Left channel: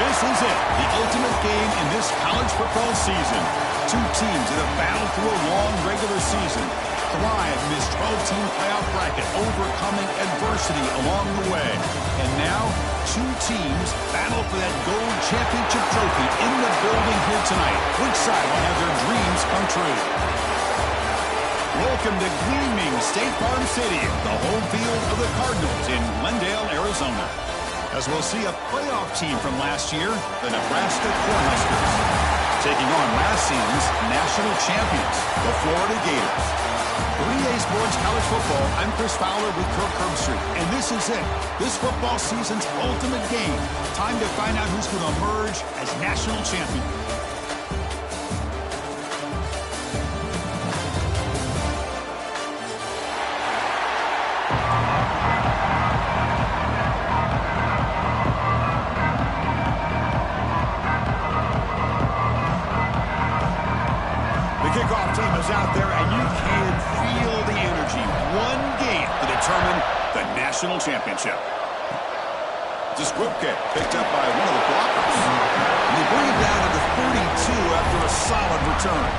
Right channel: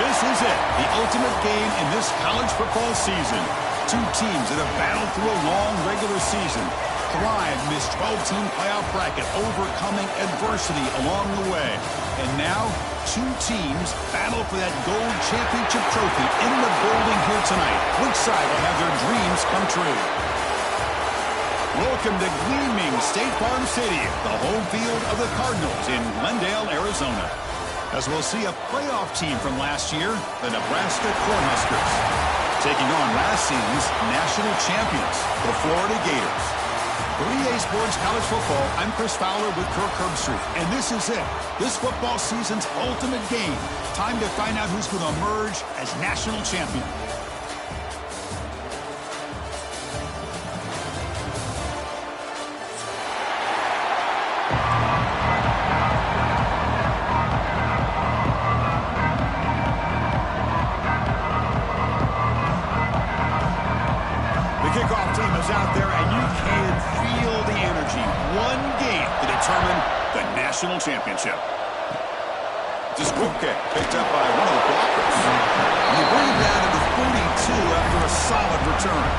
This is it, the ultimate game in this college football season. Two teams that have battled through a long regular season, thrived in this 12-team playoff bracket, overcoming adversity along the way. And now, two teams battle for that gold championship trophy in the building here tonight. Which side will have their dreams come true? Welcome to gleaming State Farm Stadium, the home field of the Cardinals in Glendale, Arizona. As we'll see a playoff team from last year, the Nebraska Cornhuskers, taking on last season's national champions, the Florida Gators. For EA Sports College Football, I'm Chris Fowler with Kirk Herbstreit, and this is it, this football season's ultimate game. Time to find out who's going to emerge as national champion. Kickoff team is out there, and you can feel the energy. One game to determine the national championship. It's a squib kick picked up by one of the blockers. And they bring it down to the 42 after a solid return.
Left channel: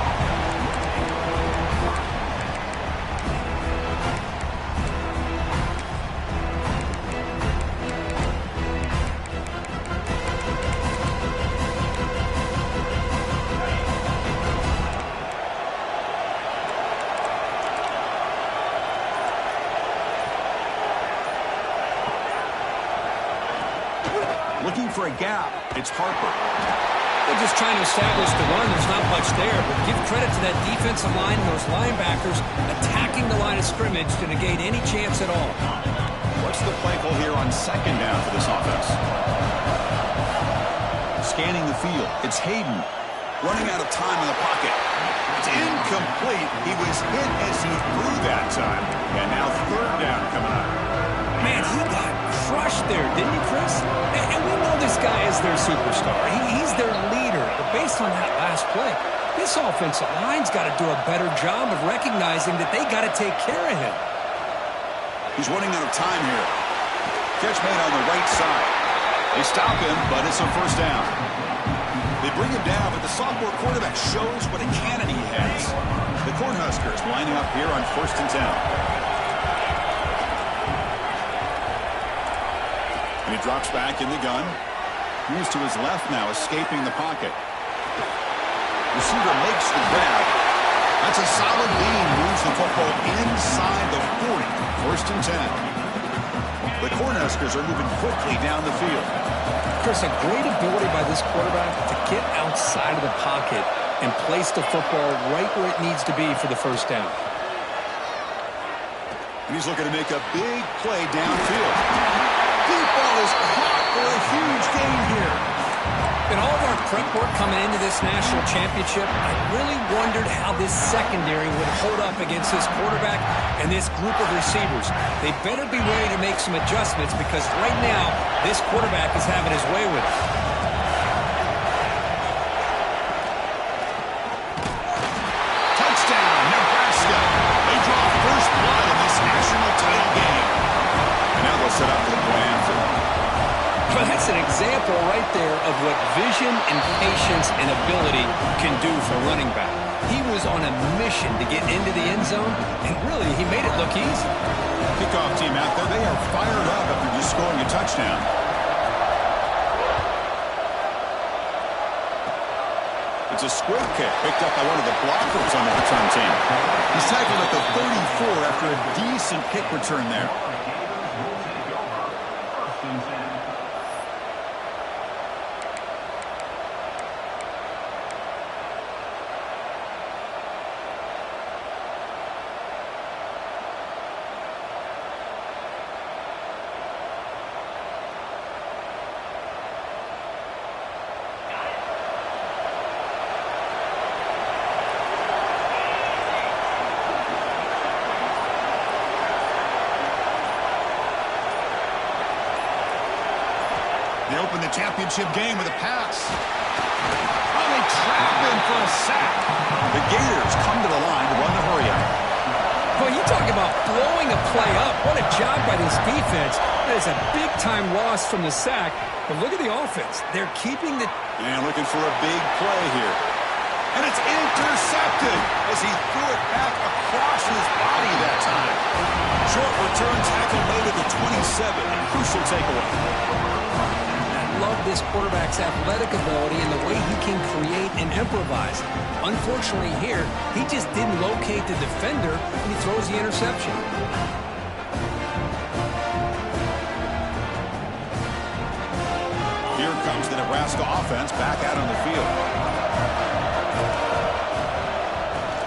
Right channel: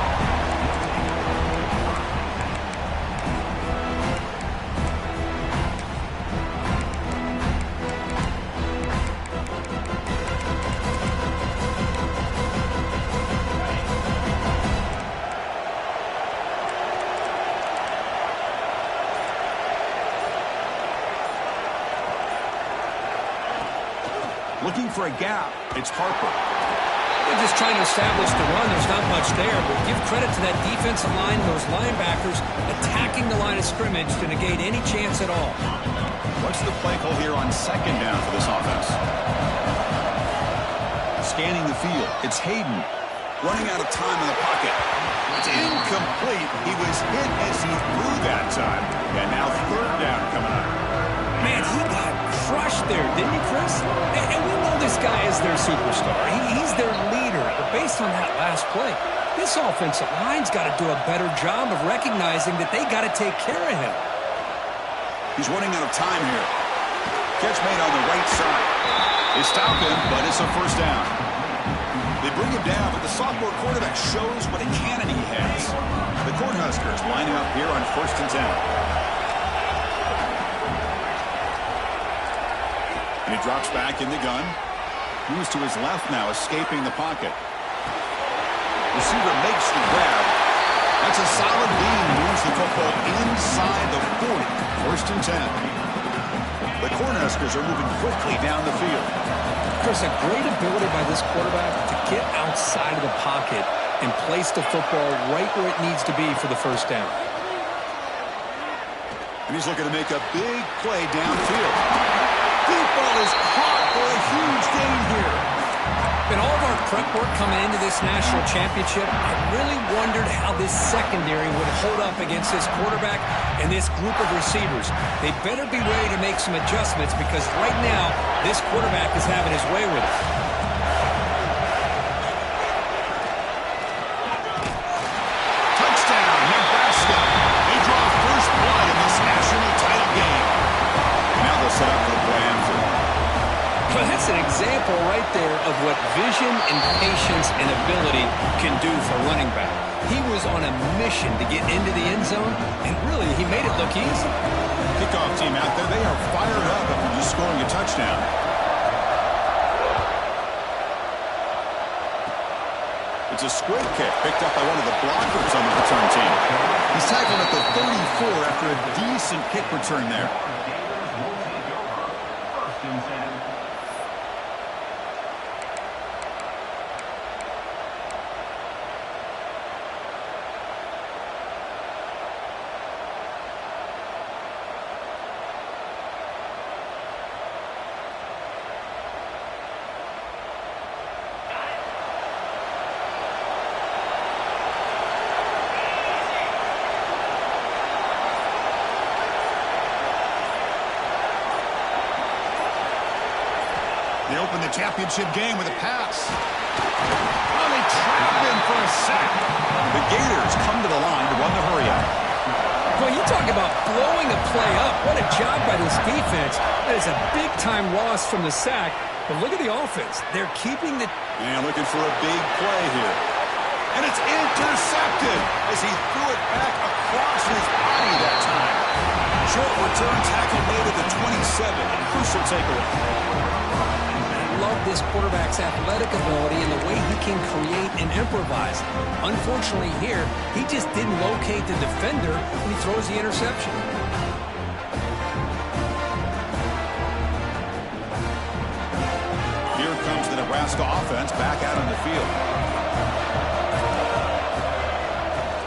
Looking for a gap, it's Harper. They're just trying to establish the run. There's not much there, but give credit to that defensive line and those linebackers attacking the line of scrimmage to negate any chance at all. What's the play call here on second down for this offense? Scanning the field, it's Hayden. Running out of time in the pocket. It's incomplete. He was hit as he threw that time. And now third down coming up. Man, he got crushed there, didn't he, Chris? And we know this guy is their superstar. He's their leader. But based on that last play, this offensive line's got to do a better job of recognizing that they got to take care of him. He's running out of time here. Catch made on the right side. They stop him, but it's a first down. They bring him down, but the sophomore quarterback shows what a cannon he has. The Cornhuskers lining up here on 1st and 10. And he drops back in the gun. Moves to his left now, escaping the pocket. Receiver makes the grab. That's a solid gain. Moves the football inside the 40. 1st and 10. The Cornhuskers are moving quickly down the field. Chris, a great ability by this quarterback to get outside of the pocket and place the football right where it needs to be for the first down. And he's looking to make a big play downfield. Deep ball is caught for a huge gain here. In all of our prep work coming into this national championship, I really wondered how this secondary would hold up against this quarterback and this group of receivers. They better be ready to make some adjustments because right now, this quarterback is having his way with it. Touchdown, Nebraska. They draw first blood in this national title game. And now they'll set up for the point after. Well, that's an example right there of what vision and patience and ability can do for running back. He was on a mission to get into the end zone, and really, he made it look easy. Kickoff team out there, they are fired up after just scoring a touchdown. It's a squib kick picked up by one of the blockers on the return team. He's tackled at the 34 after a decent kick return there. They open the championship game with a pass. Oh, they trap him for a sack. The Gators come to the line to run the hurry up. Well, you talk about blowing a play up. What a job by this defense. That is a big-time loss from the sack. But look at the offense. They're keeping the... And looking for a big play here. And it's intercepted as he threw it back across his body that time. Short return tackle made at the 27. Crucial takeaway. I love this quarterback's athletic ability and the way he can create and improvise. Unfortunately here, he just didn't locate the defender when he throws the interception. Here comes the Nebraska offense back out on the field.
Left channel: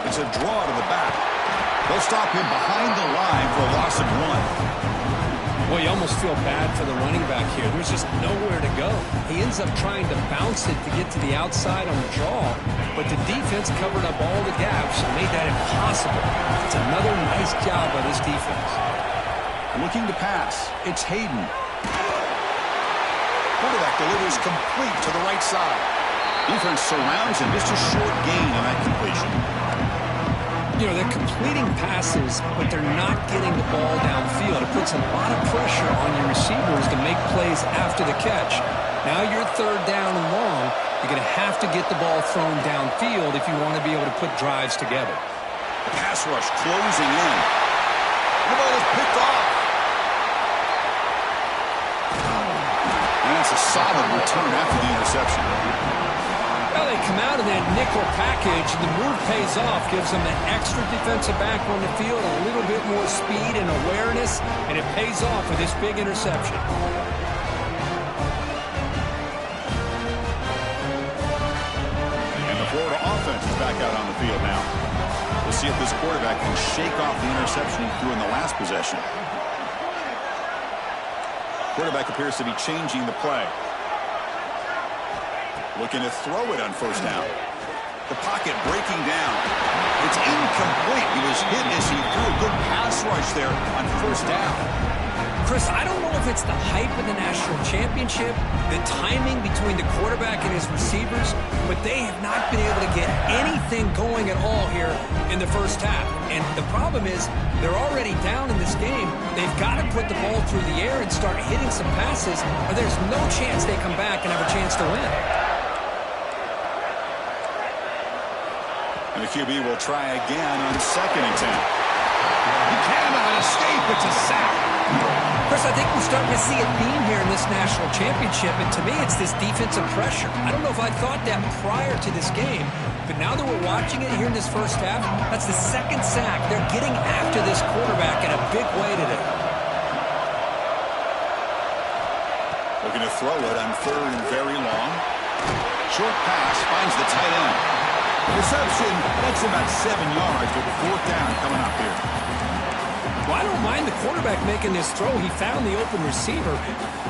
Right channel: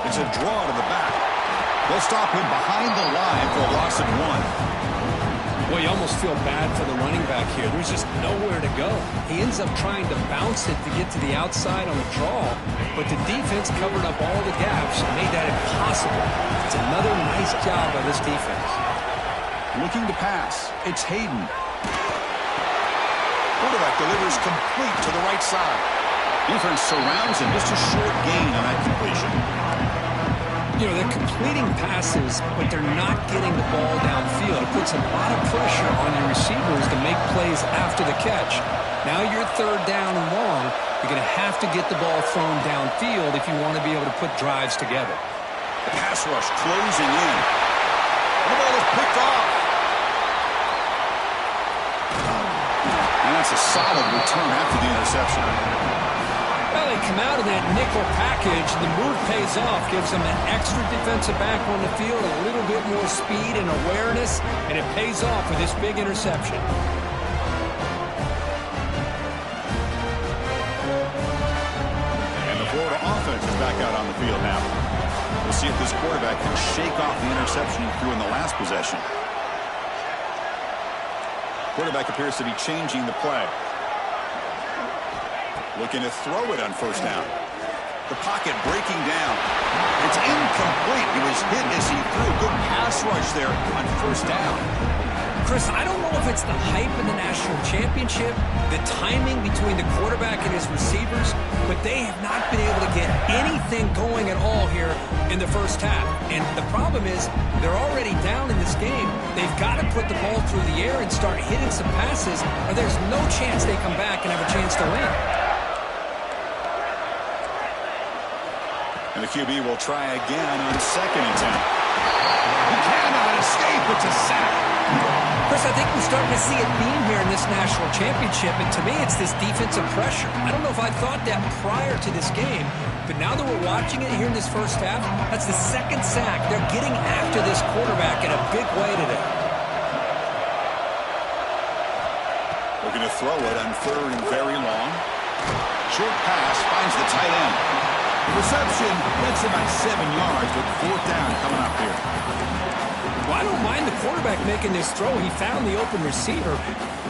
It's a draw to the back. They'll stop him behind the line for a loss of 1. Well, you almost feel bad for the running back here. There's just nowhere to go. He ends up trying to bounce it to get to the outside on the draw, but the defense covered up all the gaps and made that impossible. It's another nice job by this defense. Looking to pass. It's Hayden. Quarterback delivers complete to the right side. Defense surrounds him. Just a short gain on that completion. You know, they're completing passes, but they're not getting the ball downfield. It puts a lot of pressure on your receivers to make plays after the catch. Now you're third down and long. You're going to have to get the ball thrown downfield if you want to be able to put drives together. The pass rush closing in. And the ball is picked off. And that's a solid return after the interception. Well, they come out in that nickel package. The move pays off, gives them an extra defensive back on the field, a little bit more speed and awareness, and it pays off with this big interception. And the Florida offense is back out on the field now. We'll see if this quarterback can shake off the interception he threw in the last possession. Quarterback appears to be changing the play. Looking to throw it on first down. The pocket breaking down. It's incomplete. He was hit as he threw. Good pass rush there on first down. Chris, I don't know if it's the hype in the national championship, the timing between the quarterback and his receivers, but they have not been able to get anything going at all here in the first half. And the problem is they're already down in this game. They've got to put the ball through the air and start hitting some passes, or there's no chance they come back and have a chance to win. And the QB will try again on second and 10. He cannot escape. It's a sack. Chris, I think we're starting to see a theme here in this national championship, and to me it's this defensive pressure. I don't know if I thought that prior to this game, but now that we're watching it here in this first half, that's the second sack. They're getting after this quarterback in a big way today. Looking to throw it on third and very long. Short pass finds the tight end. Reception, that's about 7 yards, but fourth down coming up here. Well, I don't mind the quarterback making this throw. He found the open receiver.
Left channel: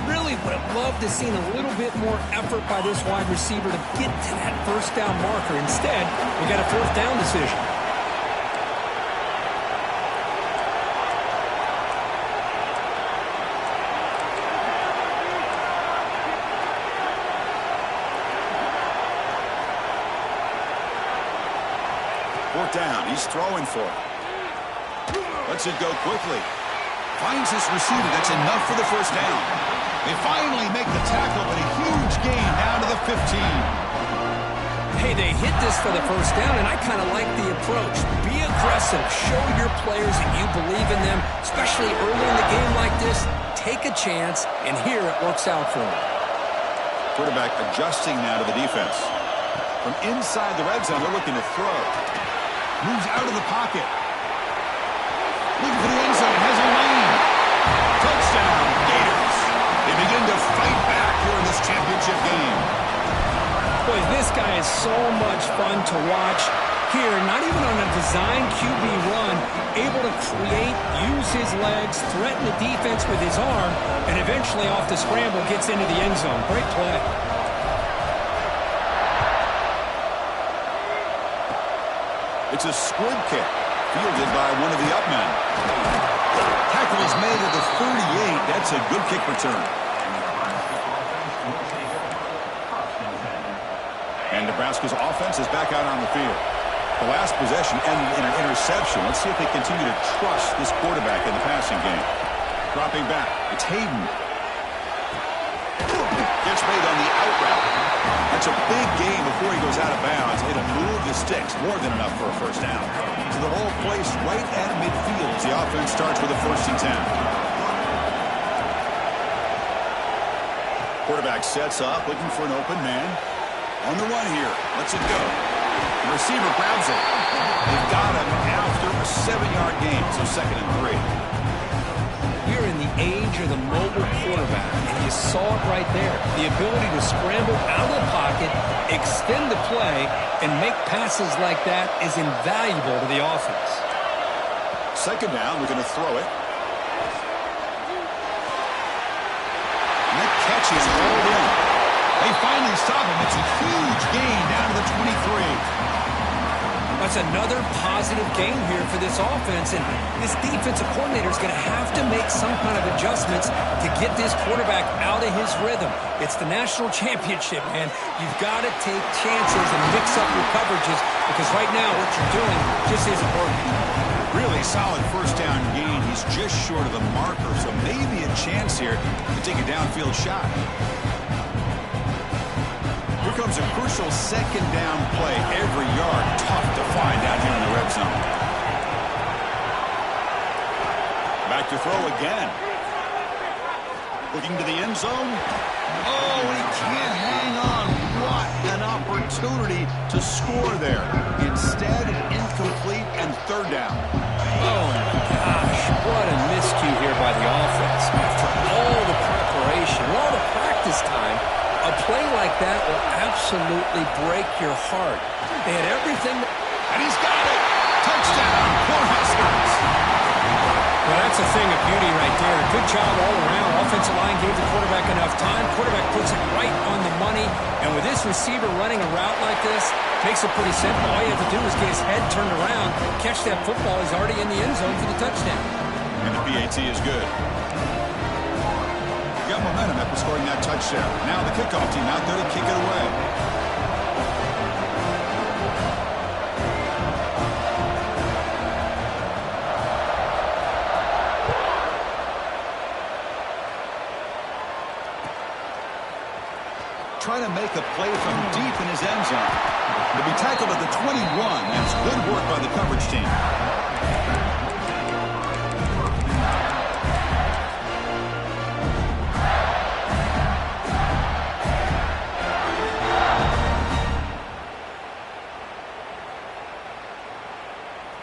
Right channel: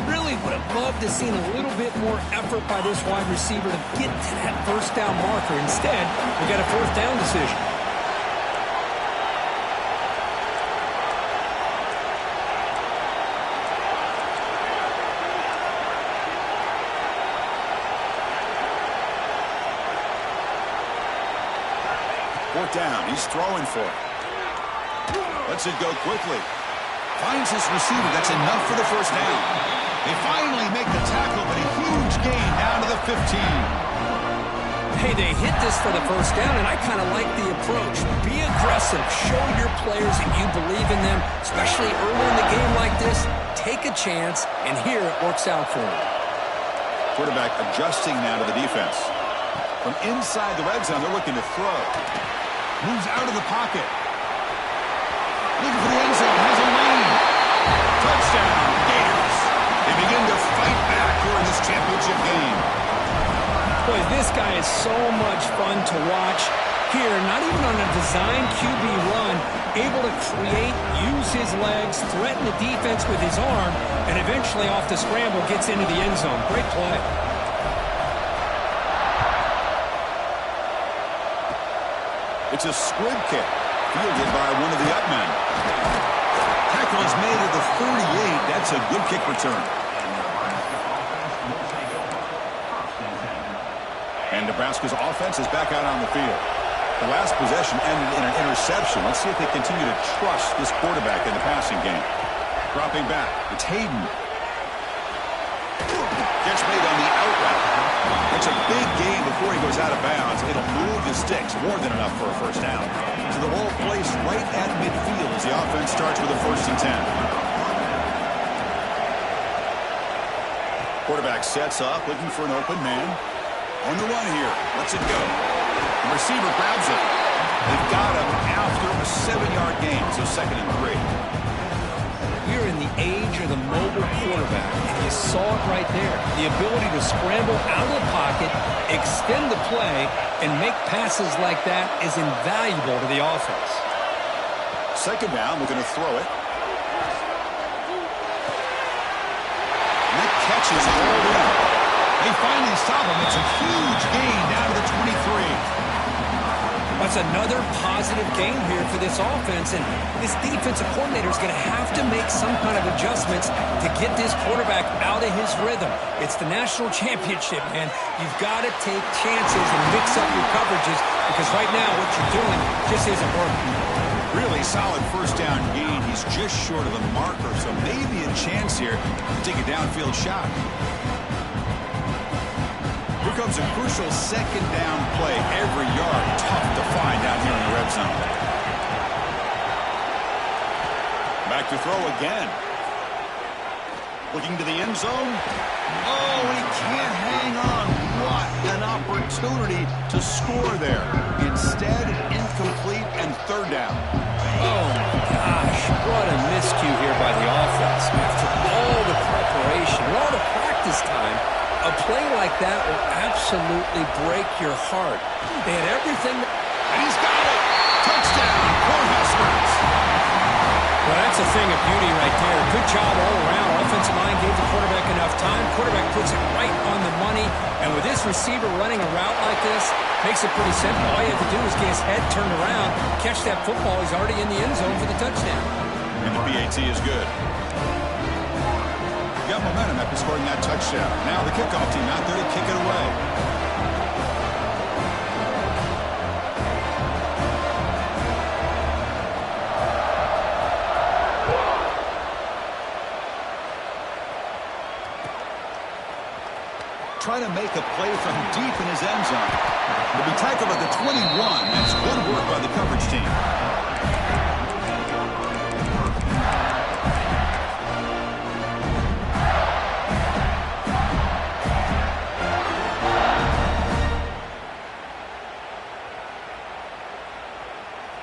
Really would have loved to have seen a little bit more effort by this wide receiver to get to that first down marker. Instead, we got a fourth down decision. Fourth down. He's throwing for it. Lets it go quickly. Finds his receiver. That's enough for the first down. They finally make the tackle, but a huge gain down to the 15. Hey, they hit this for the first down, and I kind of like the approach. Be aggressive. Show your players that you believe in them, especially early in the game like this. Take a chance, and here it works out for them. Quarterback adjusting now to the defense. From inside the red zone, they're looking to throw. Moves out of the pocket. Looking for the end zone. Has a lane. Touchdown, Gators. They begin to fight back here in this championship game. Boy, this guy is so much fun to watch. Here, not even on a design QB run, able to create, use his legs, threaten the defense with his arm, and eventually off the scramble gets into the end zone. Great play. It's a squib kick, fielded by one of the up men. Tackle is made at the 38. That's a good kick return. And Nebraska's offense is back out on the field. The last possession ended in an interception. Let's see if they continue to trust this quarterback in the passing game. Dropping back. It's Hayden. Catch made on the out route. That's a big gain before he goes out of bounds. It'll move the sticks. More than enough for a first down. So the ball placed right at midfield as the offense starts with a 1st and 10. Quarterback sets up, looking for an open man. On the run here. Lets it go. The receiver grabs it. They've got him after a 7-yard gain, so 2nd and 3. We're in the age of the mobile quarterback, and you saw it right there. The ability to scramble out of the pocket, extend the play, and make passes like that is invaluable to the offense. 2nd down, we're going to throw it. And that catch is hauled in. They finally stop him. It's a huge gain down to the 23. That's another positive gain here for this offense, and this defensive coordinator is going to have to make some kind of adjustments to get this quarterback out of his rhythm. It's the national championship, man. You've got to take chances and mix up your coverages because right now what you're doing just isn't working. Really solid 1st down gain. He's just short of the marker, so maybe a chance here to take a downfield shot. Here comes a crucial 2nd down play. Every yard tough to find down here in the red zone. Back to throw again. Looking to the end zone. Oh, and he can't hang on. What an opportunity to score there. Instead, incomplete and 3rd down. Oh, my gosh. What a miscue here by the offense. After all the preparation, all the practice time, a play like that will absolutely break your heart. They had everything. And he's got it. Touchdown, Cornhuskers. Well, that's a thing of beauty right there. Good job all around. Offensive line gave the quarterback enough time. Quarterback puts it right on the money. And with this receiver running a route like this, makes it pretty simple. All you have to do is get his head turned around, catch that football. He's already in the end zone for the touchdown. And the PAT is good. Got momentum after scoring that touchdown. Now the kickoff team out there to kick it away. Trying to make a play from deep in his end zone. To be tackled at the 21. That's good work by the coverage team.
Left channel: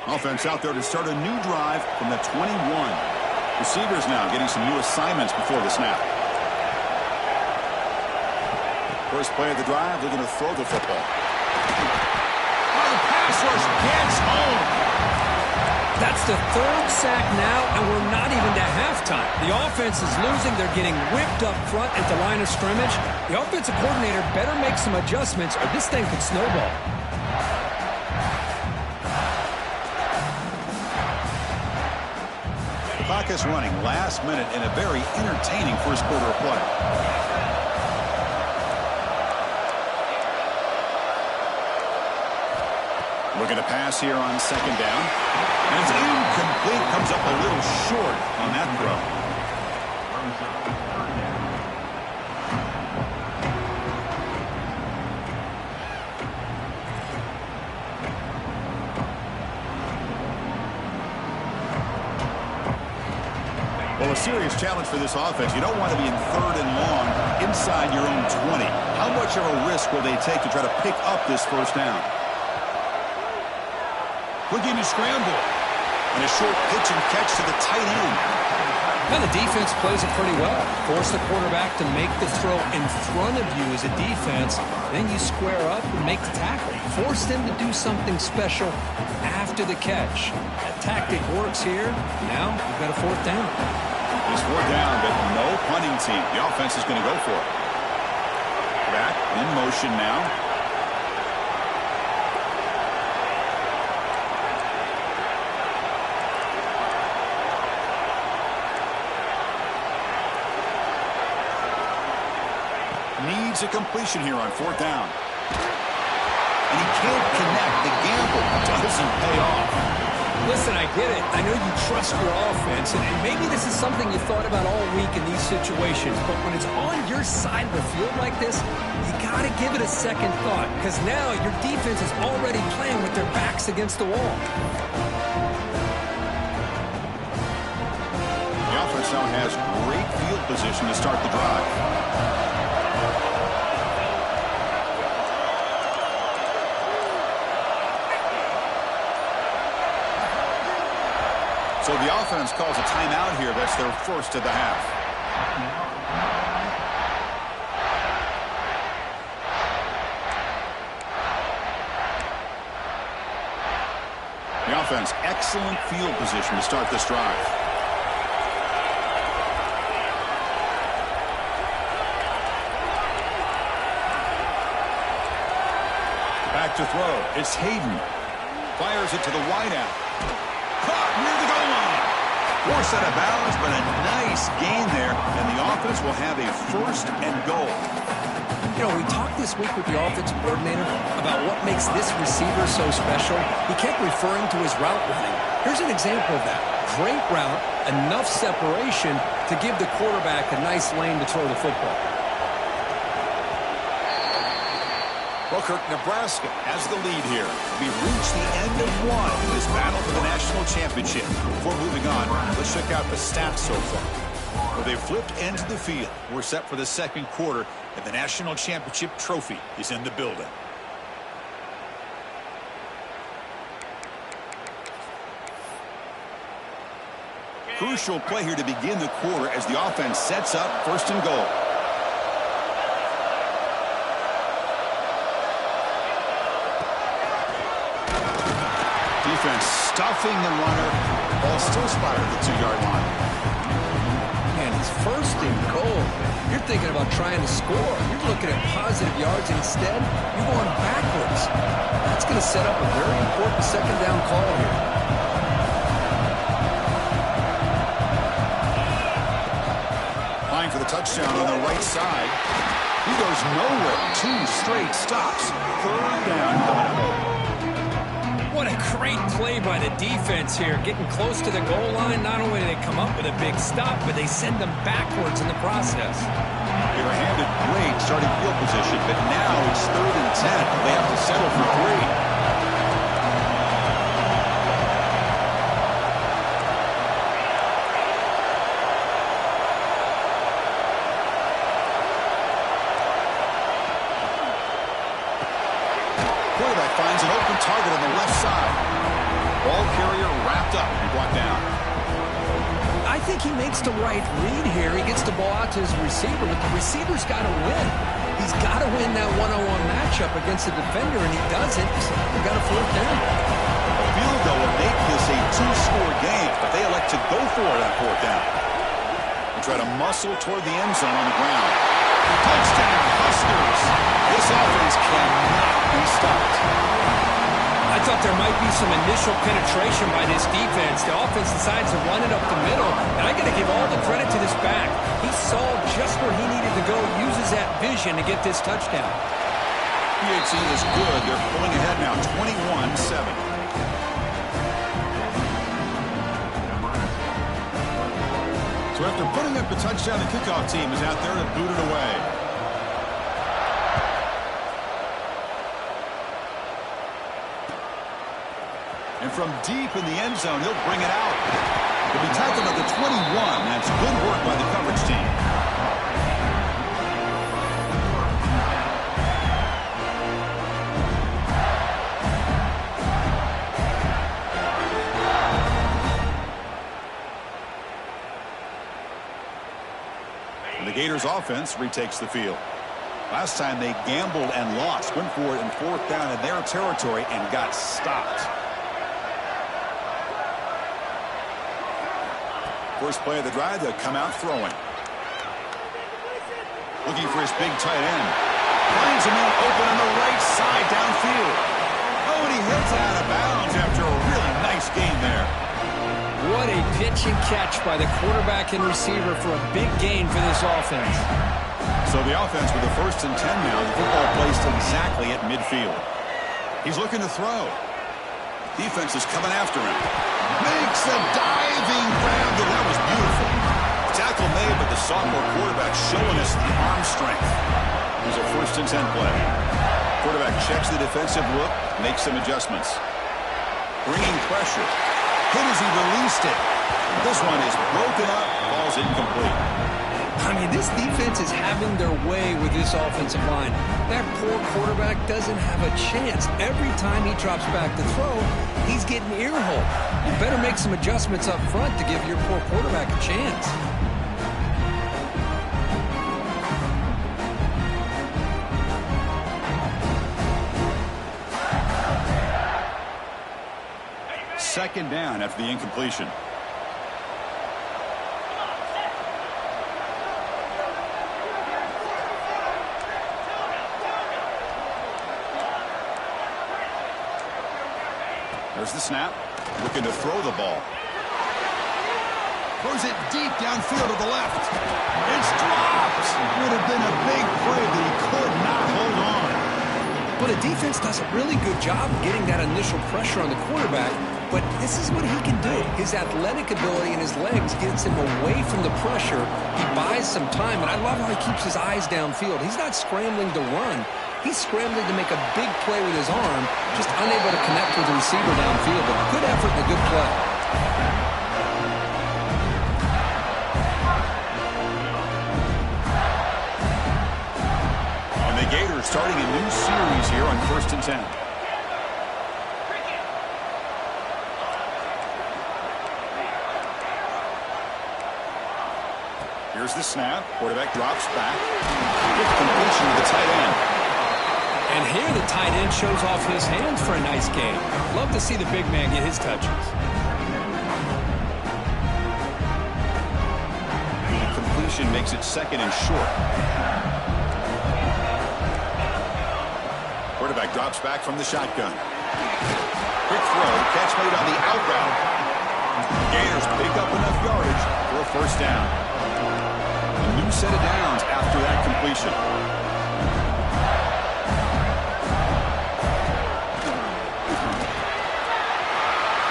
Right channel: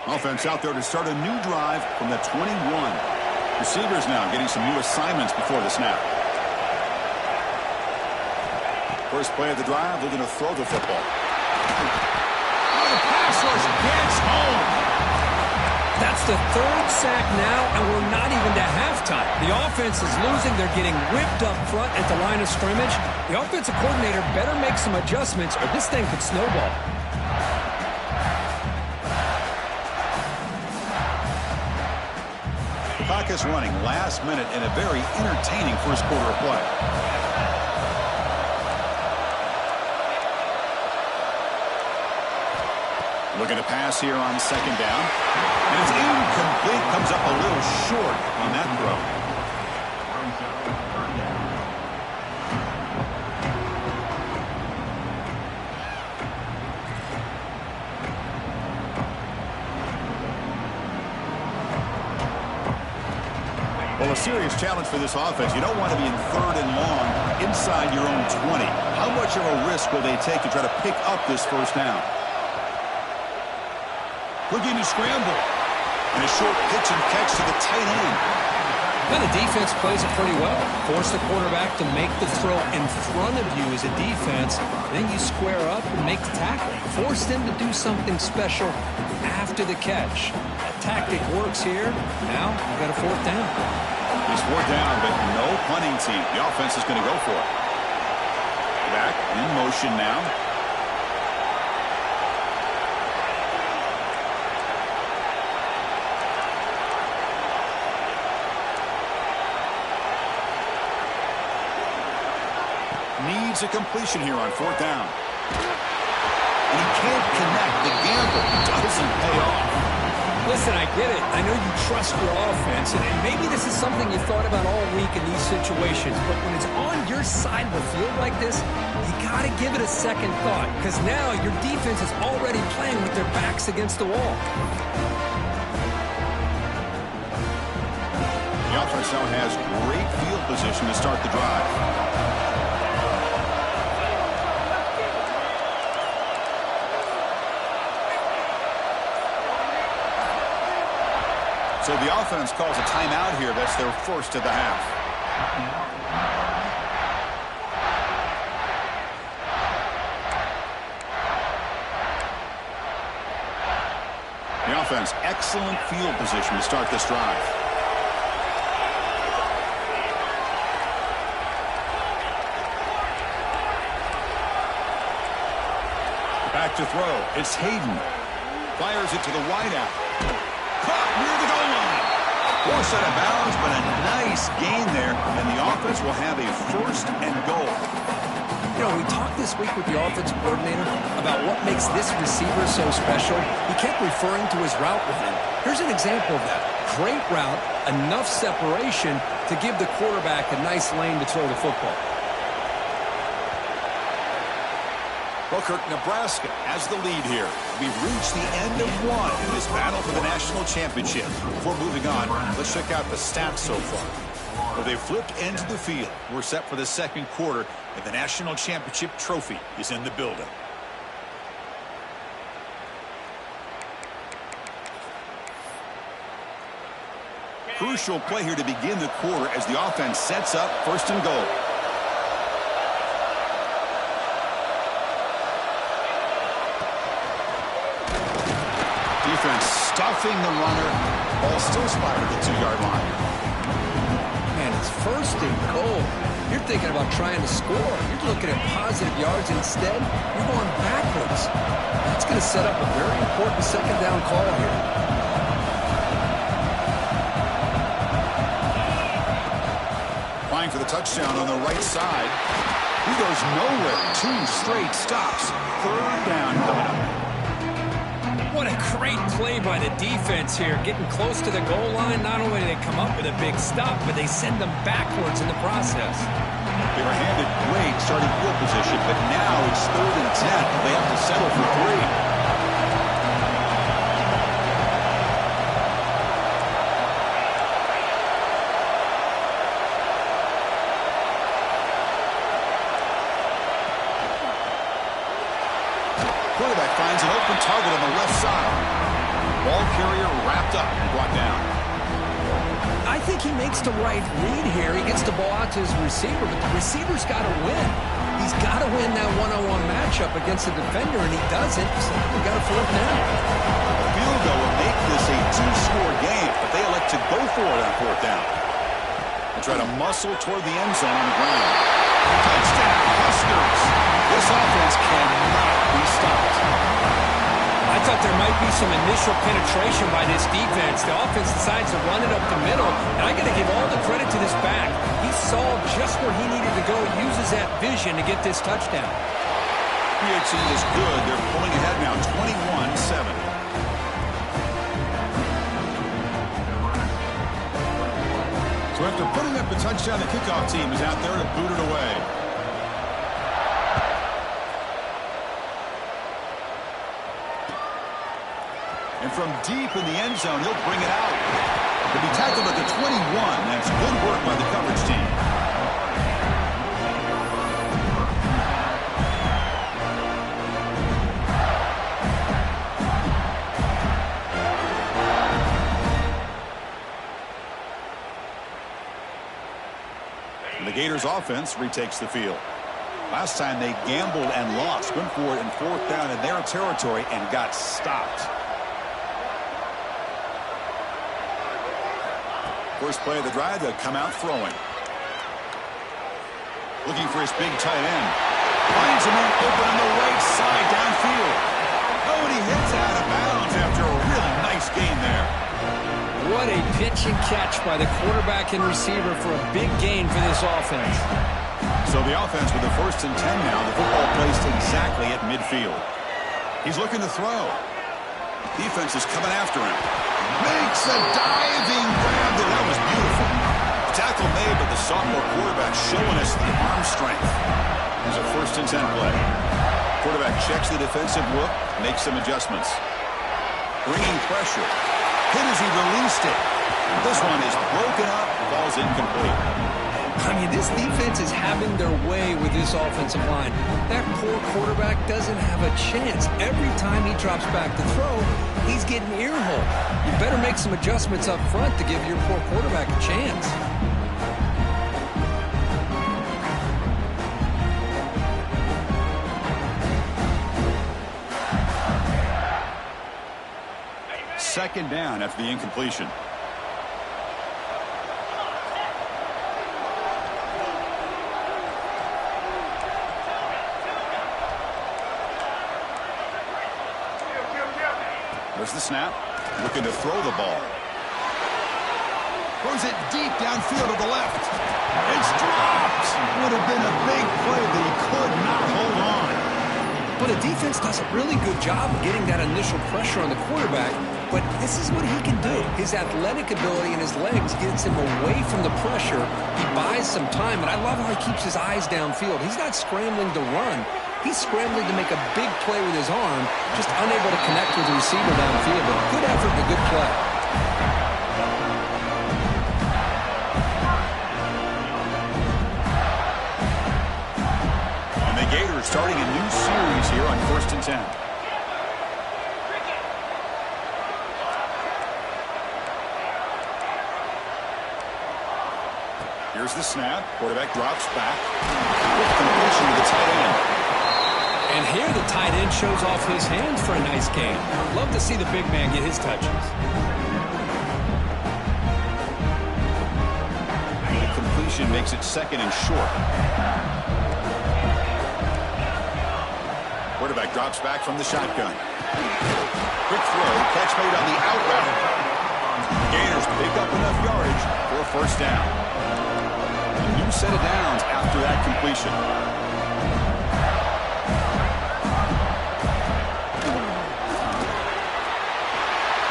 Offense out there to start a new drive from the 21. Receivers now getting some new assignments before the snap. First play of the drive, looking to throw the football. Oh, the pass rush gets home. That's the 3rd sack now, and we're not even to halftime. The offense is losing. They're getting whipped up front at the line of scrimmage. The offensive coordinator better make some adjustments, or this thing could snowball. The clock is running last minute in a very entertaining first quarter of play. Looking to pass here on 2nd down. And it's incomplete. Comes up a little short on that throw. Well, a serious challenge for this offense. You don't want to be in 3rd and long inside your own 20. How much of a risk will they take to try to pick up this first down? Looking to scramble. And a short pitch and catch to the tight end. Now the defense plays it pretty well. Force the quarterback to make the throw in front of you as a defense. Then you square up and make the tackle. Force them to do something special after the catch. That tactic works here. Now you've got a 4th down. It's 4th down, but no punting team. The offense is going to go for it. Back in motion now. Needs a completion here on 4th down. and he can't connect. The gamble doesn't pay off. Listen, I get it. I know you trust your offense, and maybe this is something you thought about all week in these situations, but when it's on your side of the field like this, you got to give it a second thought, because now your defense is already playing with their backs against the wall. The offense now has great field position to start the drive. So the offense calls a timeout here. That's their first of the half. The offense, excellent field position to start this drive. Back to throw. It's Hayden. Fires it to the wideout. Caught near the goal line. Forced out of bounds, but a nice gain there, and the offense will have a first and goal. You know, we talked this week with the offensive coordinator about what makes this receiver so special. He kept referring to his route running. Here's an example of that. Great route, enough separation to give the quarterback a nice lane to throw the football. Selkirk, Nebraska has the lead here. We've reached the end of one in this battle for the national championship. Before moving on, let's check out the stats so far. Well, they've flipped into the field. We're set for the second quarter, and the national championship trophy is in the building. Crucial play here to begin the quarter as the offense sets up first and goal. Defense stuffing the runner. Ball still spotted at the 2-yard line. Man, it's first and goal. You're thinking about trying to score. You're looking at positive yards. Instead, you're going backwards. That's going to set up a very important second down call here. Applying for the touchdown on the right side. He goes nowhere. 2 straight stops. Third down coming up. What a great play by the defense here. Getting close to the goal line, not only do they come up with a big stop, but they send them backwards in the process. They were handed great starting field position, but now it's 3rd and 10. They have to settle for 3. Quarterback finds an open target on the left side. Ball carrier wrapped up and brought down. I think he makes the right read here. He gets the ball out to his receiver, but the receiver's got to win. He's got to win that one-on-one matchup against the defender, and he doesn't, so we got a 4th down. A field goal will make this a 2-score game, but they elect to go for it on 4th down. And try to muscle toward the end zone on the ground. Touchdown, Huskers! This offense cannot be stopped. I thought there might be some initial penetration by this defense. The offense decides to run it up the middle, and I got to give all the credit to this back. He saw just where he needed to go, uses that vision to get this touchdown. PHC is good. They're pulling ahead now, 21-7. So after putting up the touchdown, the kickoff team is out there to boot it away. And from deep in the end zone, he'll bring it out. He'll be tackled at the 21. That's good work by the coverage team. And the Gators offense retakes the field. Last time they gambled and lost, went for it in 4th down in their territory and got stopped. First play of the drive, they'll come out throwing. Looking for his big tight end. Finds a man open on the right side downfield. Oh, and he hits out of bounds after a really nice gain there. What a pitch and catch by the quarterback and receiver for a big gain for this offense. So the offense with the 1st and 10 now. The football placed exactly at midfield. He's looking to throw. Defense is coming after him. Makes a diving grab there. That was beautiful. Tackle made, but the sophomore quarterback showing us the arm strength. Here's a 1st and 10 play. Quarterback checks the defensive look, makes some adjustments. Bringing pressure. Hit as he released it. This one is broken up, ball's incomplete. I mean, this defense is having their way with this offensive line. That poor quarterback doesn't have a chance. Every time he drops back to throw, he's getting earholed. You better make some adjustments up front to give your poor quarterback a chance. Second down after the incompletion. There's the snap. Looking to throw the ball. Throws it deep downfield to the left. It's dropped. Would have been a big play, but he could not hold on. But the defense does a really good job of getting that initial pressure on the quarterback. But this is what he can do. His athletic ability and his legs gets him away from the pressure. He buys some time, and I love how he keeps his eyes downfield. He's not scrambling to run. He's scrambling to make a big play with his arm, just unable to connect with the receiver downfield. But good effort and a good play. And the Gators starting a new series here on 1st and 10. Here's the snap. Quarterback drops back. With completion to the tight end. And here the tight end shows off his hands for a nice game. Love to see the big man get his touches. The completion makes it 2nd and short. Quarterback drops back from the shotgun. Quick throw. Catch made on the out route. The Gators pick up enough yardage for a 1st down. A new set of downs after that completion.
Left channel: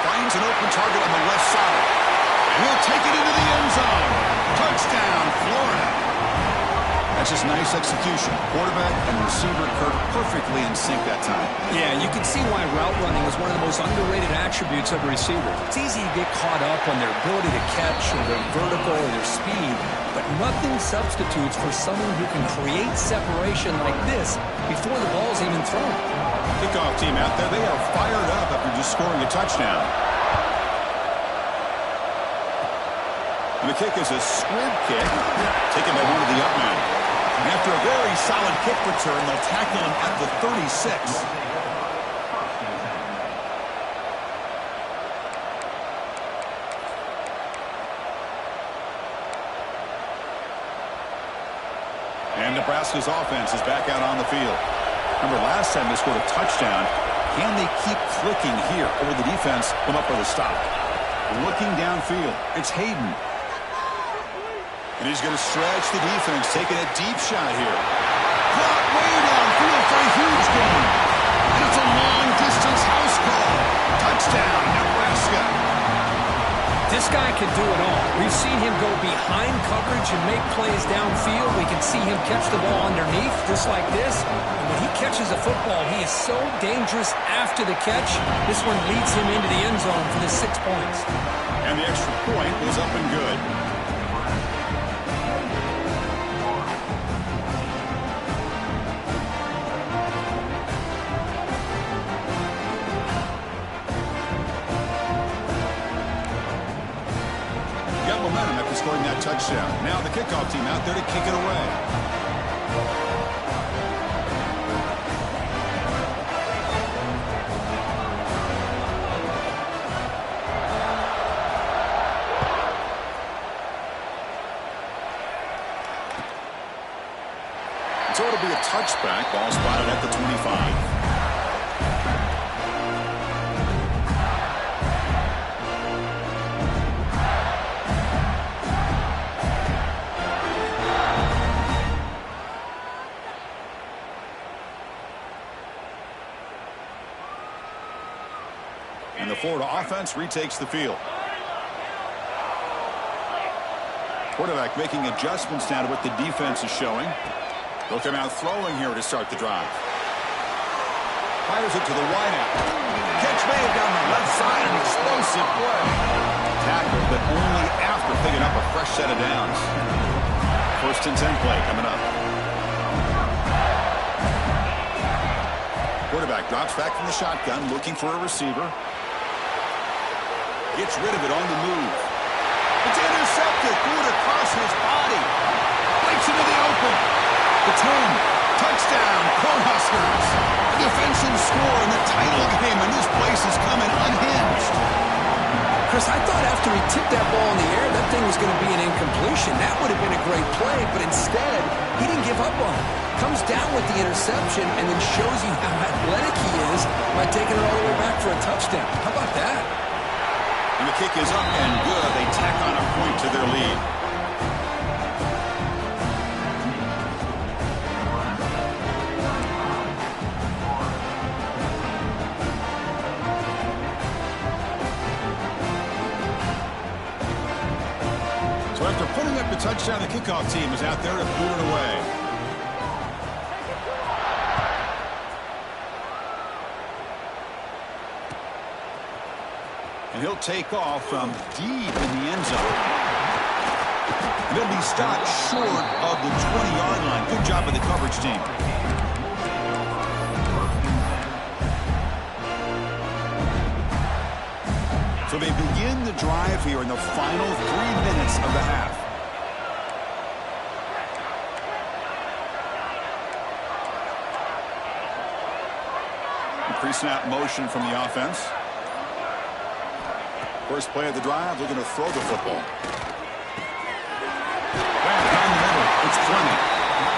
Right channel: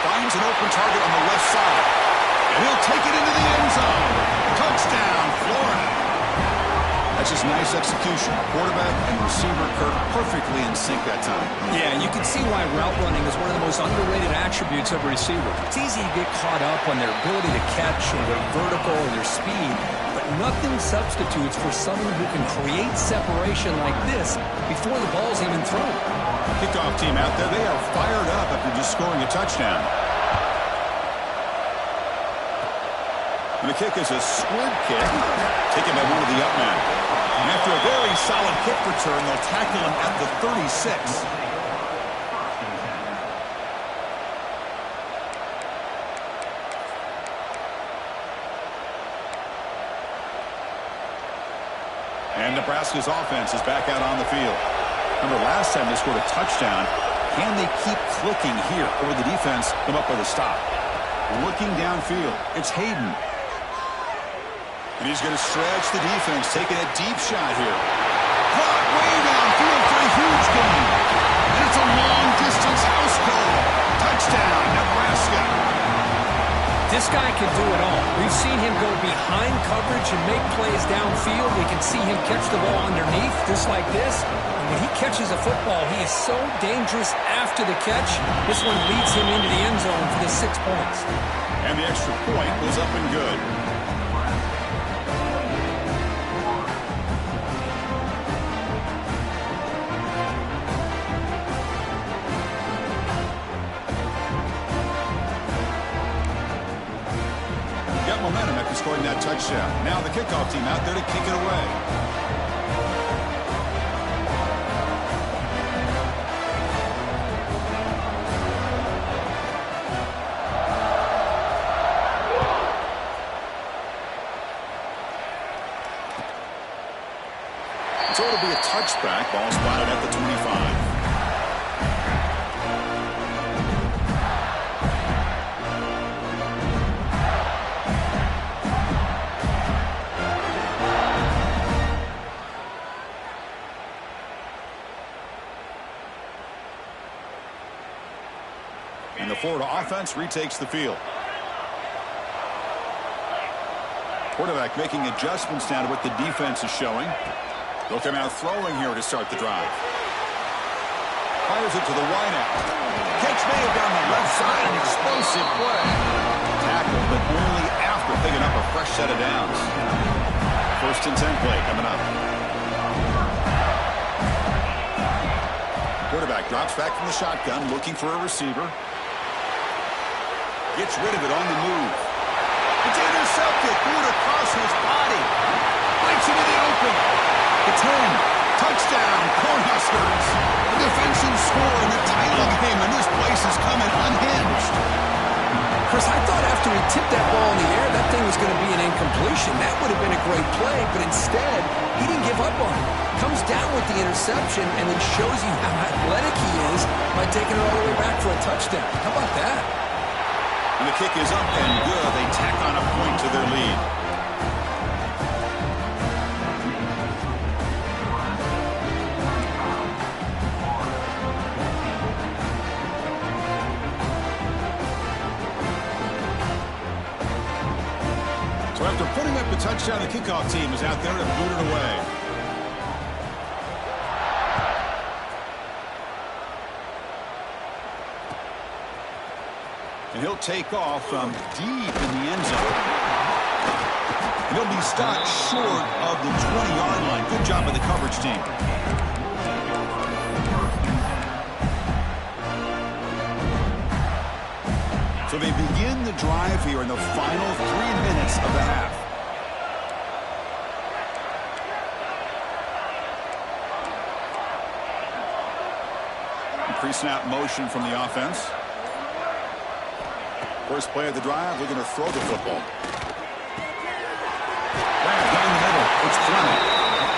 Finds an open target on the left side. And he'll take it into the end zone. Touchdown, Florida. That's just nice execution. Quarterback and receiver Kirk perfectly in sync that time. Yeah, you can see why route running is one of the most underrated attributes of a receiver. It's easy to get caught up on their ability to catch or their vertical or their speed, but nothing substitutes for someone who can create separation like this before the ball's even thrown. Kickoff team out there, they are fired up after just scoring a touchdown. And the kick is a squib kick, taken by one of the up men. And after a very solid kick return, they'll tackle him at the 36. And Nebraska's offense is back out on the field. Remember, last time they scored a touchdown. Can they keep clicking here, or the defense come up with a stop? Looking downfield, it's Hayden. And he's going to stretch the defense, taking a deep shot here. Caught way downfield for a huge gain. And it's a long-distance house call. Touchdown, Nebraska. This guy can do it all. We've seen him go behind coverage and make plays downfield. We can see him catch the ball underneath, just like this. And when he catches a football, he is so dangerous after the catch. This one leads him into the end zone for the 6 points. And the extra point was up and good. Got momentum after scoring that touchdown. Now the kickoff team out there to kick it away. So it'll be a touchback. Ball spotted at the 25. And the Florida offense retakes the field. Quarterback making adjustments now to what the defense is showing. They'll come out throwing here to start the drive. Fires it to the wideout. Catch made down the left side, an explosive play. Tackle, but only after picking up a fresh set of downs. 1st and 10 play coming up. Quarterback drops back from the shotgun, looking for a receiver. Gets rid of it on the move. It's intercepted. Threw it across his body. Breaks into the open. The 10. Touchdown, Cornhuskers. A defensive score in the title game, and this place is coming unhinged. Chris, I thought after he tipped that ball in the air, that thing was going to be an incompletion. That would have been a great play, but instead, he didn't give up on it. Comes down with the interception and then shows you how athletic he is by taking it all the way back for a touchdown. How about that? And the kick is up and good. They tack on a point to their lead. So after putting up the touchdown, the kickoff team is out there to boot it away. And he'll take off from deep in the end zone. And he'll be stopped short of the 20-yard line. Good job by the coverage team. So they begin the drive here in the final 3 minutes of the half. Pre-snap motion from the offense. First play of the drive, looking to throw the football. Down the middle, it's Fleming.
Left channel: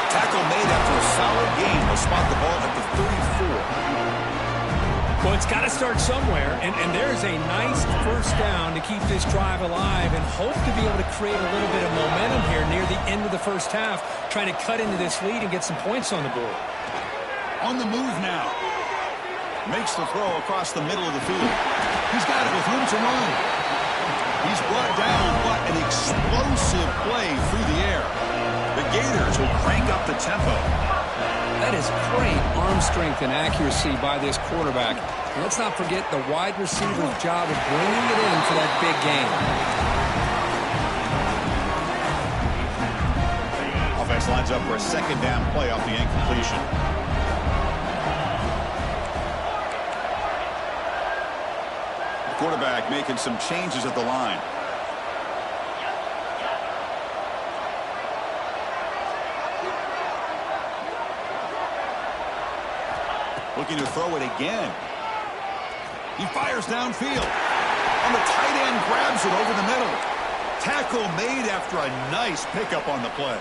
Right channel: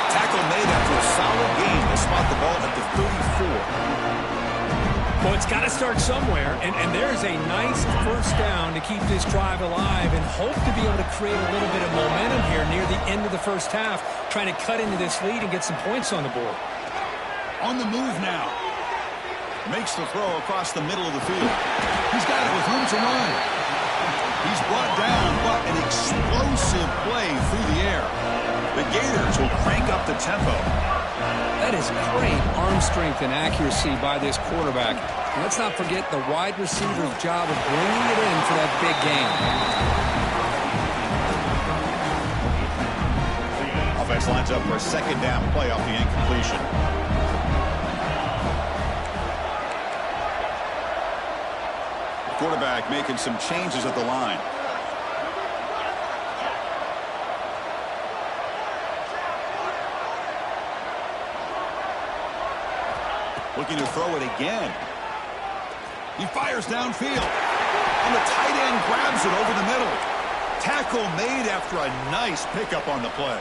Tackle made after a solid gain. They'll spot the ball at the 34. Well, it's got to start somewhere, and there's a nice first down to keep this drive alive and hope to be able to create a little bit of momentum here near the end of the first half, trying to cut into this lead and get some points on the board. On the move now. Makes the throw across the middle of the field. He's got it with room to run. He's brought down, but an explosive play through the air. The Gators will crank up the tempo. That is great arm strength and accuracy by this quarterback. And let's not forget the wide receiver's job of bringing it in for that big game. Offense lines up for a second down play off the incompletion. The quarterback making some changes at the line. Looking to throw it again. He fires downfield. And the tight end grabs it over the middle. Tackle made after a nice pickup on the play.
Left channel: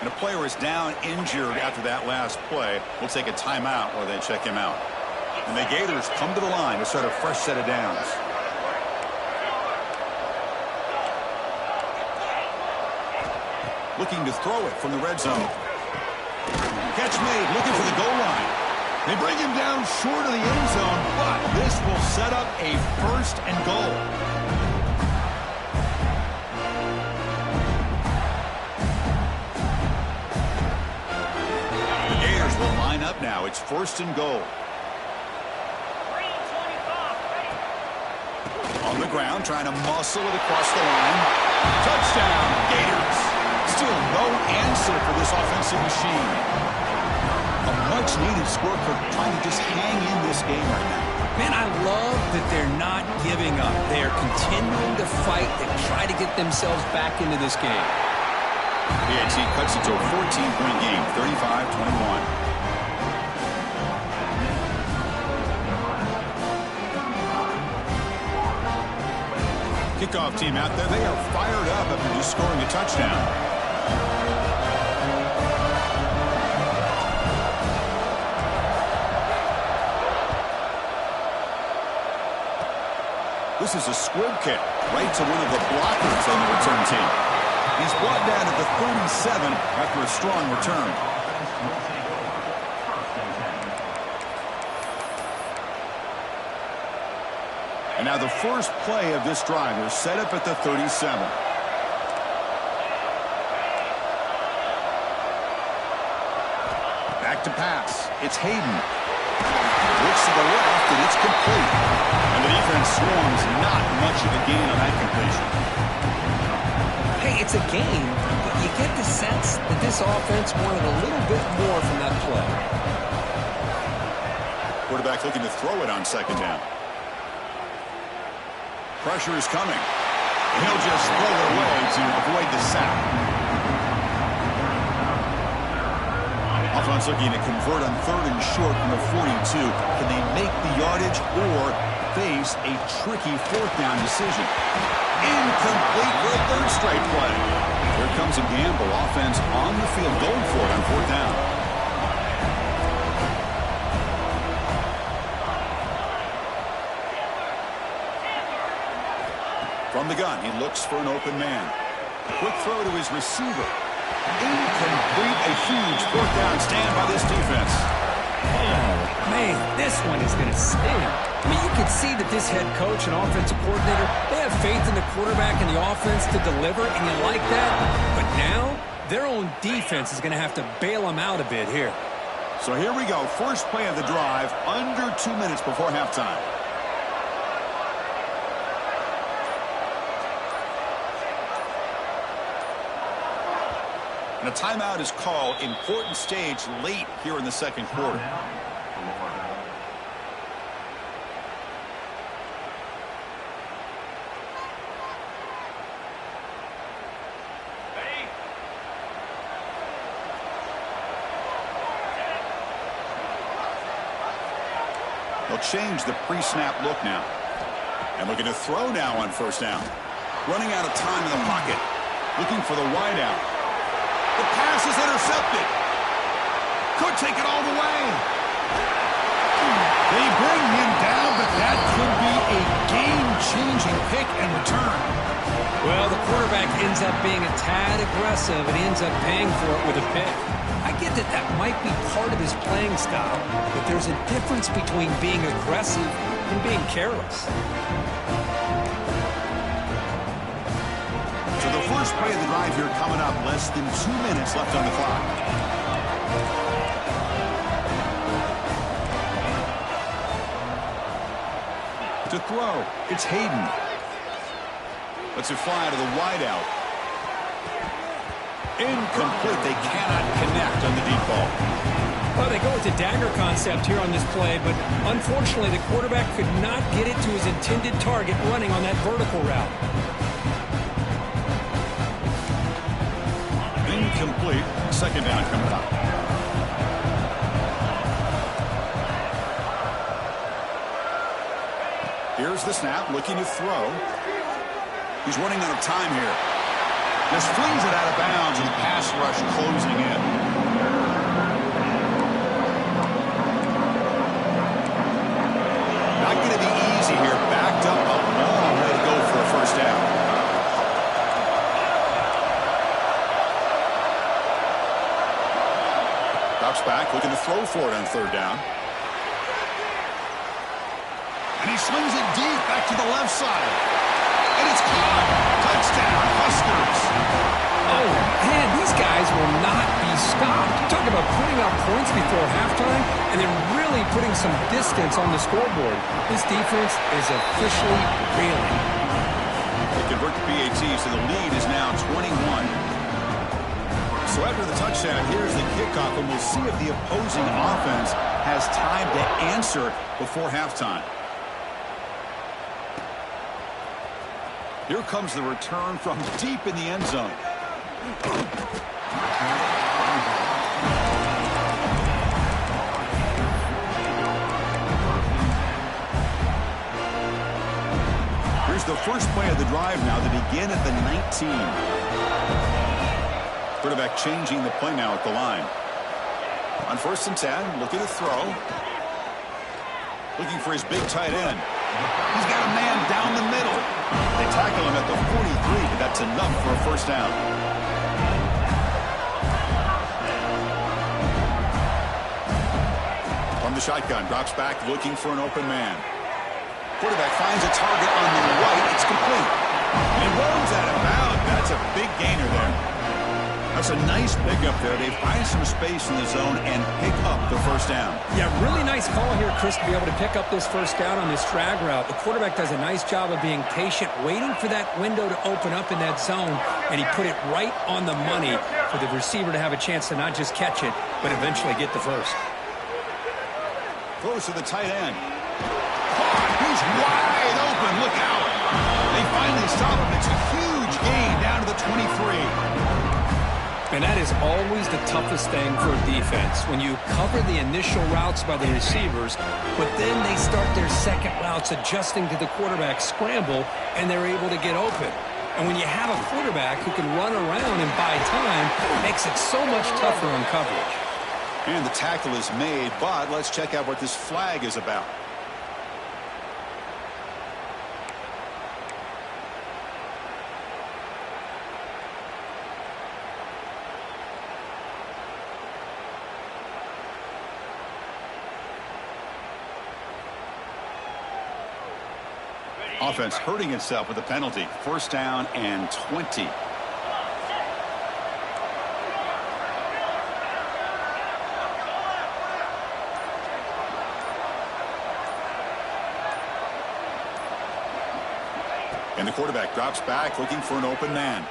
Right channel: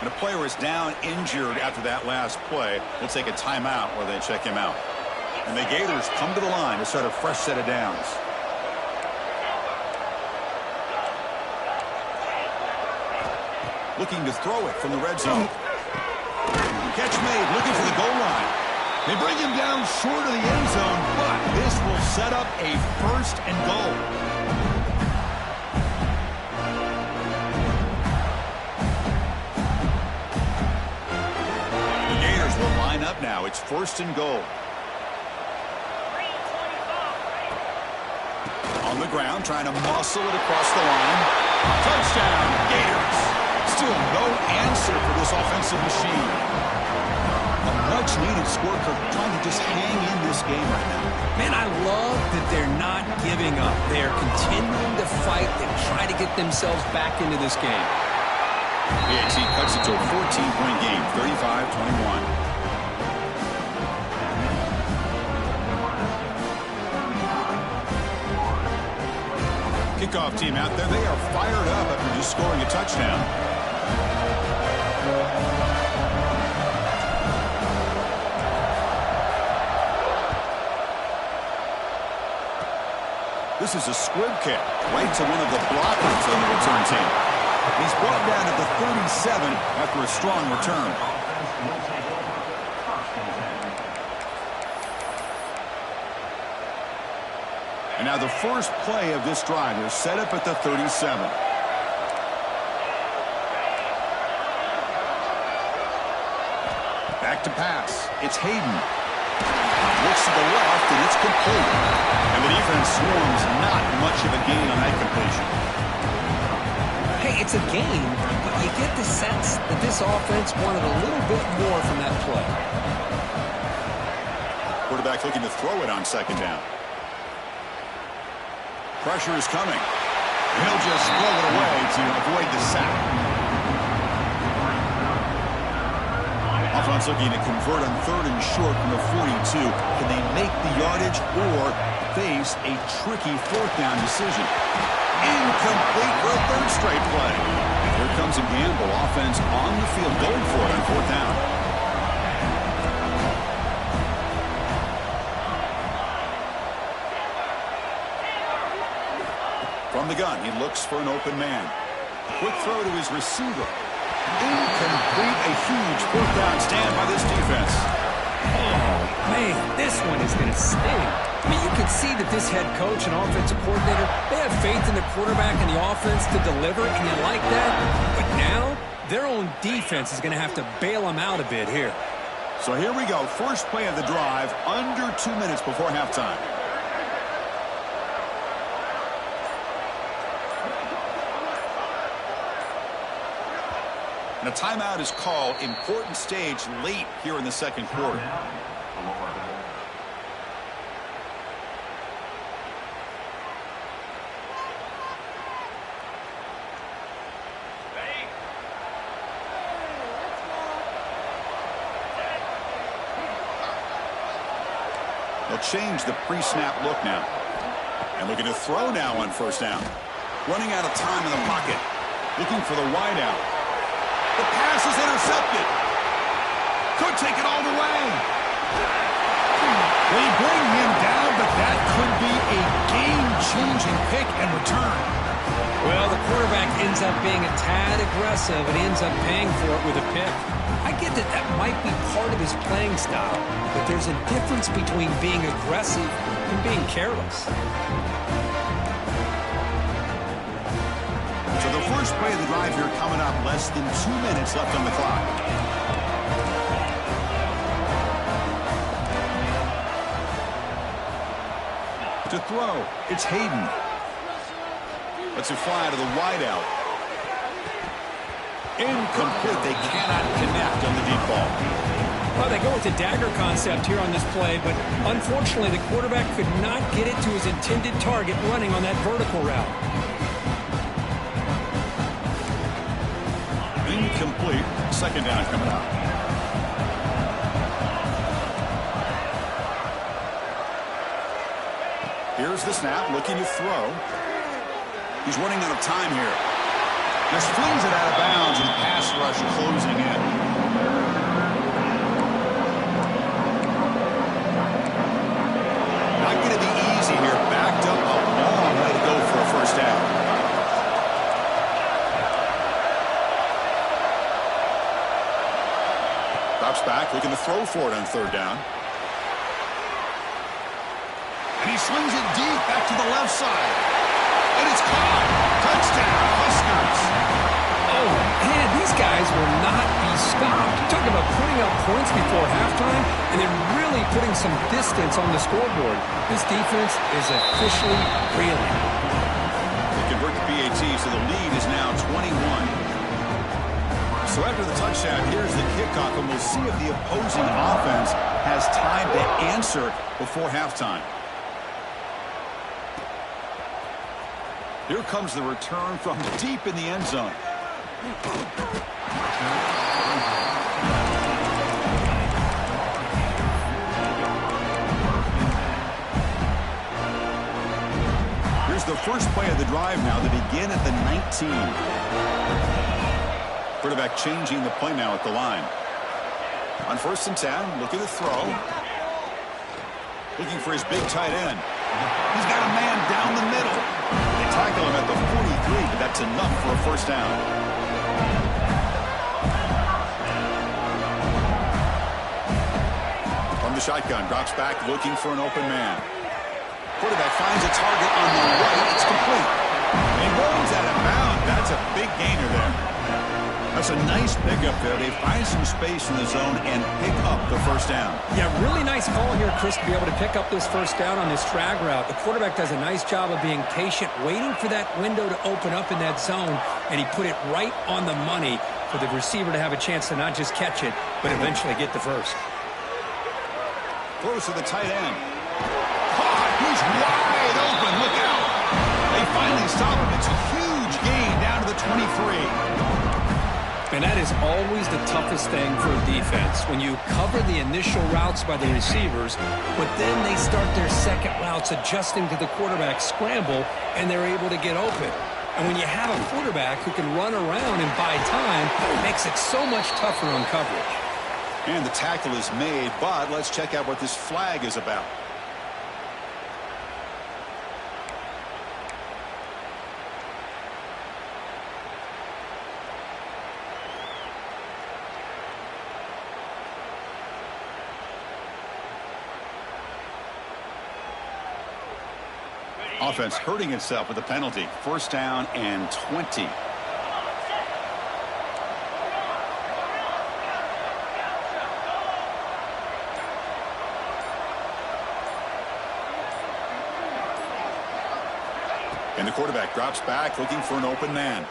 And a player is down injured after that last play. We'll take a timeout while they check him out. And the Gators come to the line to start a fresh set of downs. Looking to throw it from the red zone. Catch made, looking for the goal line. They bring him down short of the end zone, but this will set up a 1st and goal. The Gators will line up now. It's 1st and goal. On the ground, trying to muscle it across the line. Touchdown, Gators. Still no answer for this offensive machine. A much-needed score, trying to just hang in this game right now. Man, I love that they're not giving up. They are continuing to fight and try to get themselves back into this game. PAT cuts it to a 14-point game, 35-21. Kickoff team out there, they are fired up after just scoring a touchdown. This is a squib kick right to one of the blockers on the return team. He's brought down at the 37 after a strong return. And now the first play of this drive is set up at the 37. Back to pass. It's Hayden. Looks to the left, and it's complete. And the defense swarms. Not much of a gain on that completion. Hey, it's a gain, but you get the sense that this offense wanted a little bit more from that play. Quarterback looking to throw it on second down. Pressure is coming. He'll just throw it away to avoid the sack. Offense looking to convert on 3rd and short from the 42. Can they make the yardage or face a tricky 4th down decision? Incomplete for a 3rd straight play. Here comes a gamble. Offense on the field going for it on 4th down. From the gun, he looks for an open man. Quick throw to his receiver. Incomplete. A huge 4th down stand by this defense. Oh, man, this one is going to sting. I mean, you can see that this head coach and offensive coordinator, they have faith in the quarterback and the offense to deliver, and you like that. But now, their own defense is going to have to bail them out a bit here. So here we go. First play of the drive, under 2 minutes before halftime. And a timeout is called. Important stage late here in the second quarter. They'll change the pre-snap look now. And looking to throw now on 1st down. Running out of time in the pocket. Looking for the wideout. The pass is intercepted. Could take it all the way. They bring him down, but that could be a game-changing pick and return. Well, the quarterback ends up being a tad aggressive, and he ends up paying for it with a pick. I get that that might be part of his playing style, but there's a difference between being aggressive and being careless. So the first play of the drive here coming up, less than 2 minutes left on the clock. To throw, it's Hayden. Lets it fly to the wideout. Incomplete. They cannot connect on the deep ball. Well, they go with the dagger concept here on this play, but unfortunately the quarterback could not get it to his intended target running on that vertical route. Incomplete. Second down coming up. Here's the snap, looking to throw. He's running out of time here. Just flings it out of bounds, and the pass rush closing in. Not going to be easy here. Backed up a long way to go for a 1st down. Drops back, looking to throw for it on 3rd down. And he slings it deep back to the left side. And it's caught. Touchdown, Huskers. Oh, man, these guys will not be stopped. Talk about putting up points before halftime and then really putting some distance on the scoreboard. This defense is officially reeling. They convert the PAT, so the lead is now 21. So after the touchdown, here's the kickoff, and we'll see if the opposing offense has time to answer before halftime. Here comes the return from deep in the end zone. Here's the first play of the drive now. They begin at the 19. Quarterback changing the play now at the line. On 1st and 10, looking to throw. Looking for his big tight end. He's got a man down the middle. They tackle him at the 43, but that's enough for a 1st down. From the shotgun, drops back looking for an open man. Quarterback finds a target on the right. It's complete. And he rolls out of bounds. That's a big gainer there. That's a nice pickup there. They find some space in the zone and pick up the first down. Yeah, really nice call here, Chris, to be able to pick up this first down on this drag route. The quarterback does a nice job of being patient, waiting for that window to open up in that zone, and he put it right on the money for the receiver to have a chance to not just catch it, but eventually get the first. Throws to the tight end. Caught. He's wide open. Look out. They finally stop him. It's a huge gain down to the 23. And that is always the toughest thing for a defense, when you cover the initial routes by the receivers, but then they start their second routes adjusting to the quarterback scramble, and they're able to get open. And when you have a quarterback who can run around and buy time, it makes it so much tougher on coverage. And the tackle is made, but let's check out what this flag is about. Offense hurting itself with a penalty. First down and 20. And the quarterback drops back looking for an open man.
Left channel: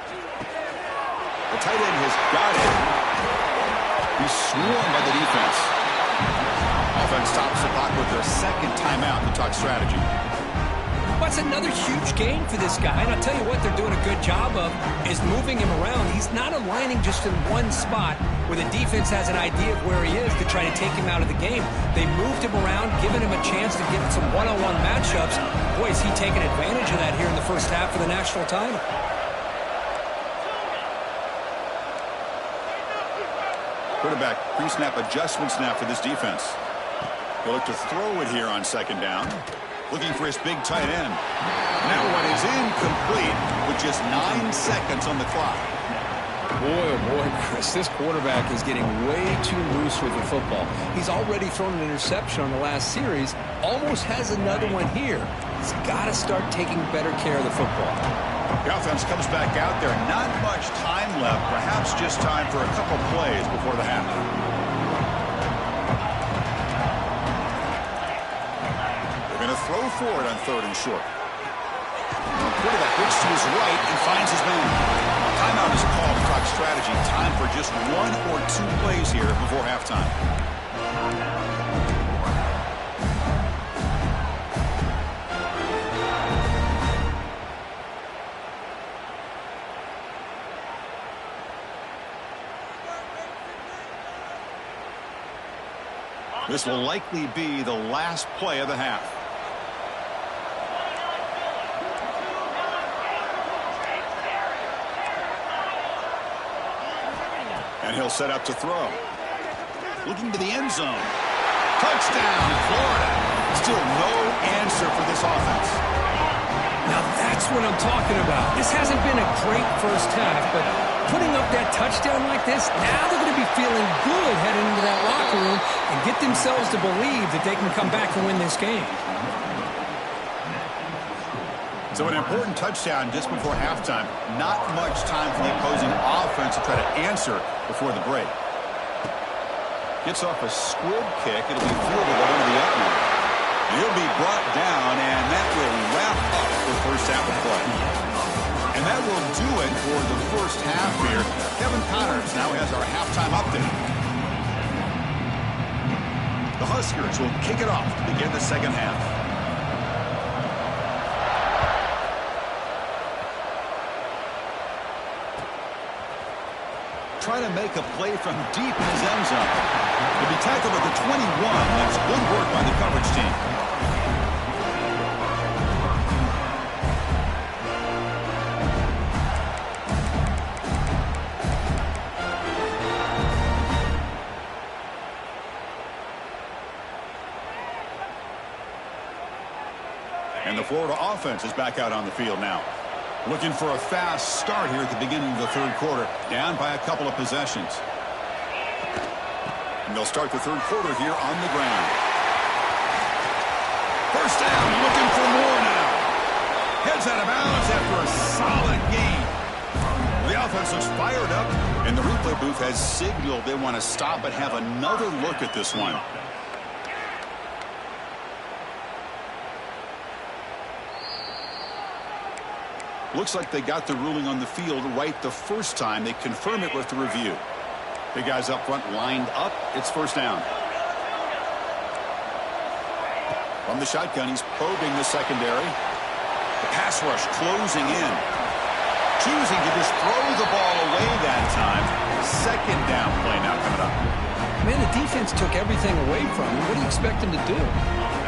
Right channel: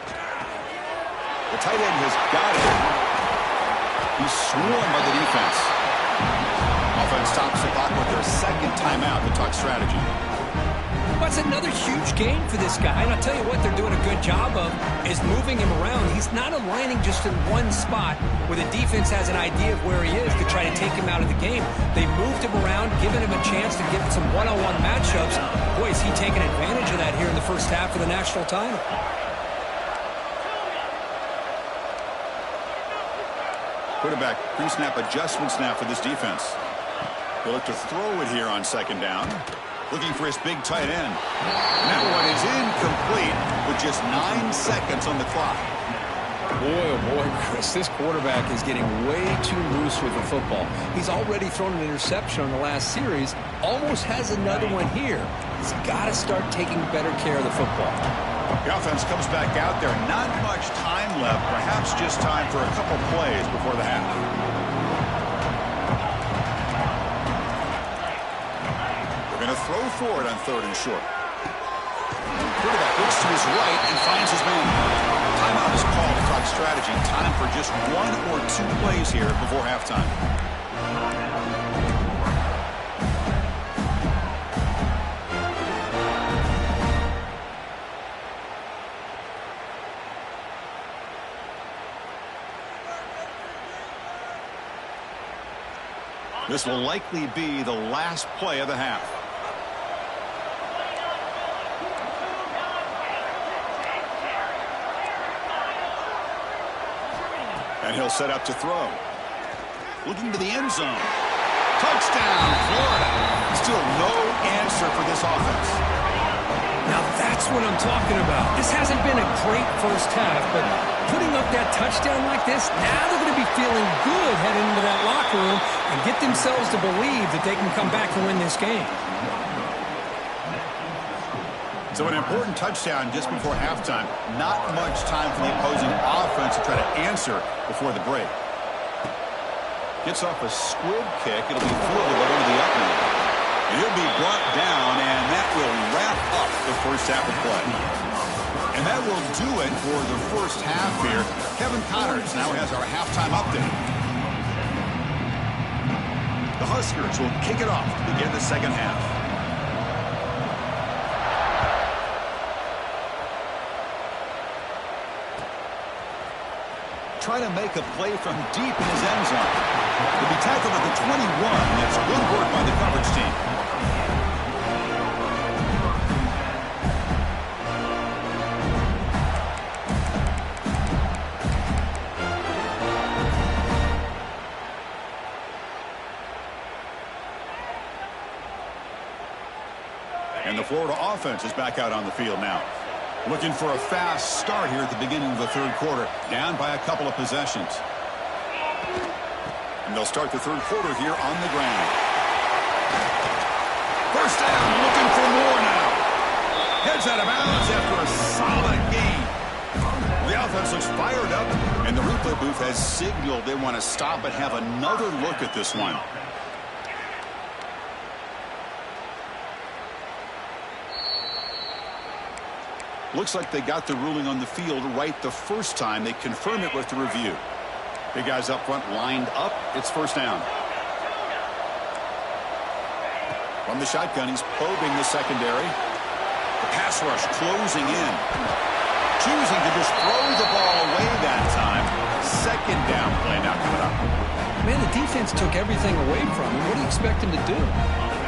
The tight end has got it. He's swarmed by the defense. Offense stops the clock with their second timeout to talk strategy. That's another huge gain for this guy, and I'll tell you what they're doing a good job of is moving him around. He's not aligning just in one spot where the defense has an idea of where he is to try to take him out of the game. They moved him around, giving him a chance to get some one-on-one matchups. Boy, is he taking advantage of that here in the first half of the national title. Quarterback pre-snap adjustments now for this defense. He'll look to throw it here on second down. Looking for his big tight end. That one is incomplete with just 9 seconds on the clock. Boy, oh boy, Chris, this quarterback is getting way too loose with the football. He's already thrown an interception on the last series, almost has another one here. He's got to start taking better care of the football. The offense comes back out there. Not much time left, perhaps just time for a couple plays before the half. Going to throw for it on third and short. Quarterback looks to his right and finds his man. Timeout is called to talk strategy. Time for just 1 or 2 plays here before halftime. This will likely be the last play of the half. And he'll set up to throw. Looking to the end zone. Touchdown, Florida. Still no answer for this offense. Now that's what I'm talking about. This hasn't been a great first half, but putting up that touchdown like this, now they're going to be feeling good heading into that locker room and get themselves to believe that they can come back and win this game. So an important touchdown just before halftime. Not much time for the opposing offense to try to answer before the break. Gets off a squib kick. It'll be fielded by one of the up men. And he'll be brought down, and that will wrap up the first half of play. And that will do it for the first half here. Kevin Connors now has our halftime update. The Huskers will kick it off to begin the second half. Try to make a play from deep in his end zone. He'll be tackled at the 21. That's good work by the coverage team. And the Florida offense is back out on the field now. Looking for a fast start here at the beginning of the third quarter, down by a couple of possessions. And they'll start the third quarter here on the ground. First down, looking for more now. Heads out of bounds after a solid gain. The offense looks fired up, and the replay booth has signaled they want to stop and have another look at this one. Looks like they got the ruling on the field right the first time. They confirm it with the review. The guys up front lined up. It's first down. From the shotgun, he's probing the secondary. The pass rush closing in. Choosing to just throw the ball away that time. Second down play now coming up. Man, the defense took everything away from him. What do you expect him to do?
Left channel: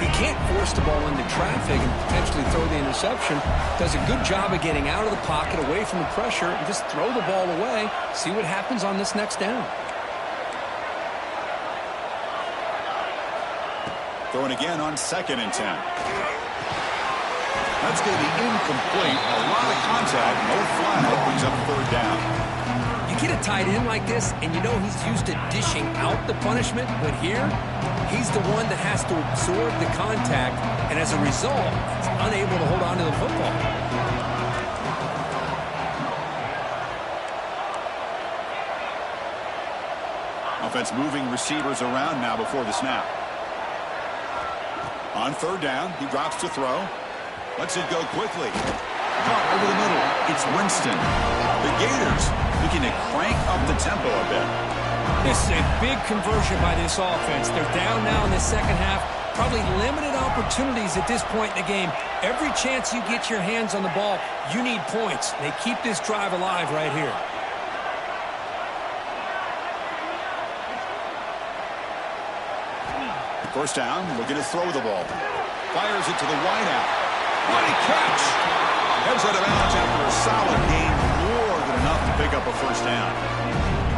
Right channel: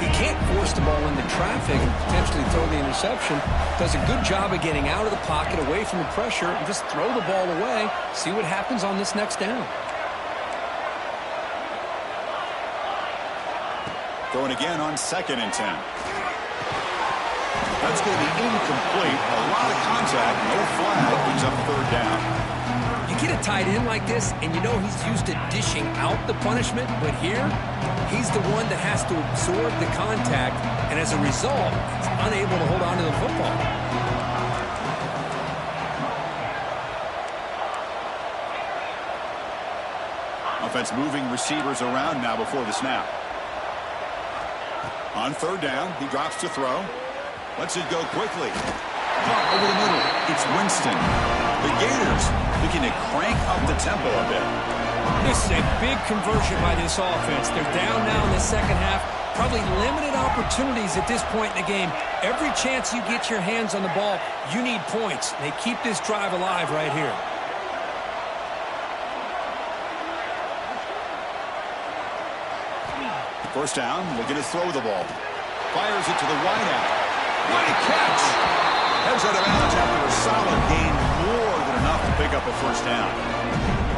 He can't force the ball into traffic and potentially throw the interception. Does a good job of getting out of the pocket, away from the pressure, and just throw the ball away. See what happens on this next down. Throwing again on 2nd and 10. That's going to be incomplete. A lot of contact. No flag. Brings up 3rd down. You get a tight end like this, and you know he's used to dishing out the punishment, but here, he's the one that has to absorb the contact, and as a result, he's unable to hold on to the football. Offense moving receivers around now before the snap. On 3rd down, he drops to throw. Lets it go quickly. Caught over the middle. It's Winston. The Gators looking to crank up the tempo a bit. This is a big conversion by this offense. They're down now in the second half. Probably limited opportunities at this point in the game. Every chance you get your hands on the ball, you need points. They keep this drive alive right here. First down, looking to throw the ball. Fires it to the wideout. What a catch! Heads out of bounds after a solid gain, more than enough to pick up a first down.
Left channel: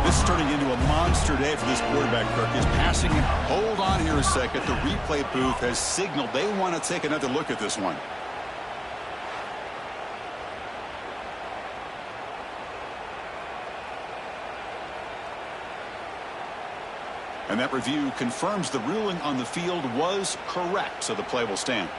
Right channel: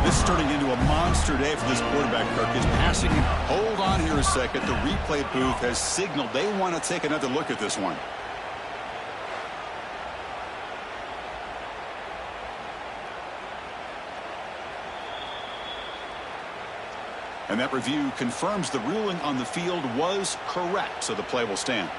This is turning into a monster day for this quarterback, Kirk. He's passing it. Hold on here a second. The replay booth has signaled they want to take another look at this one. And that review confirms the ruling on the field was correct, so the play will stand.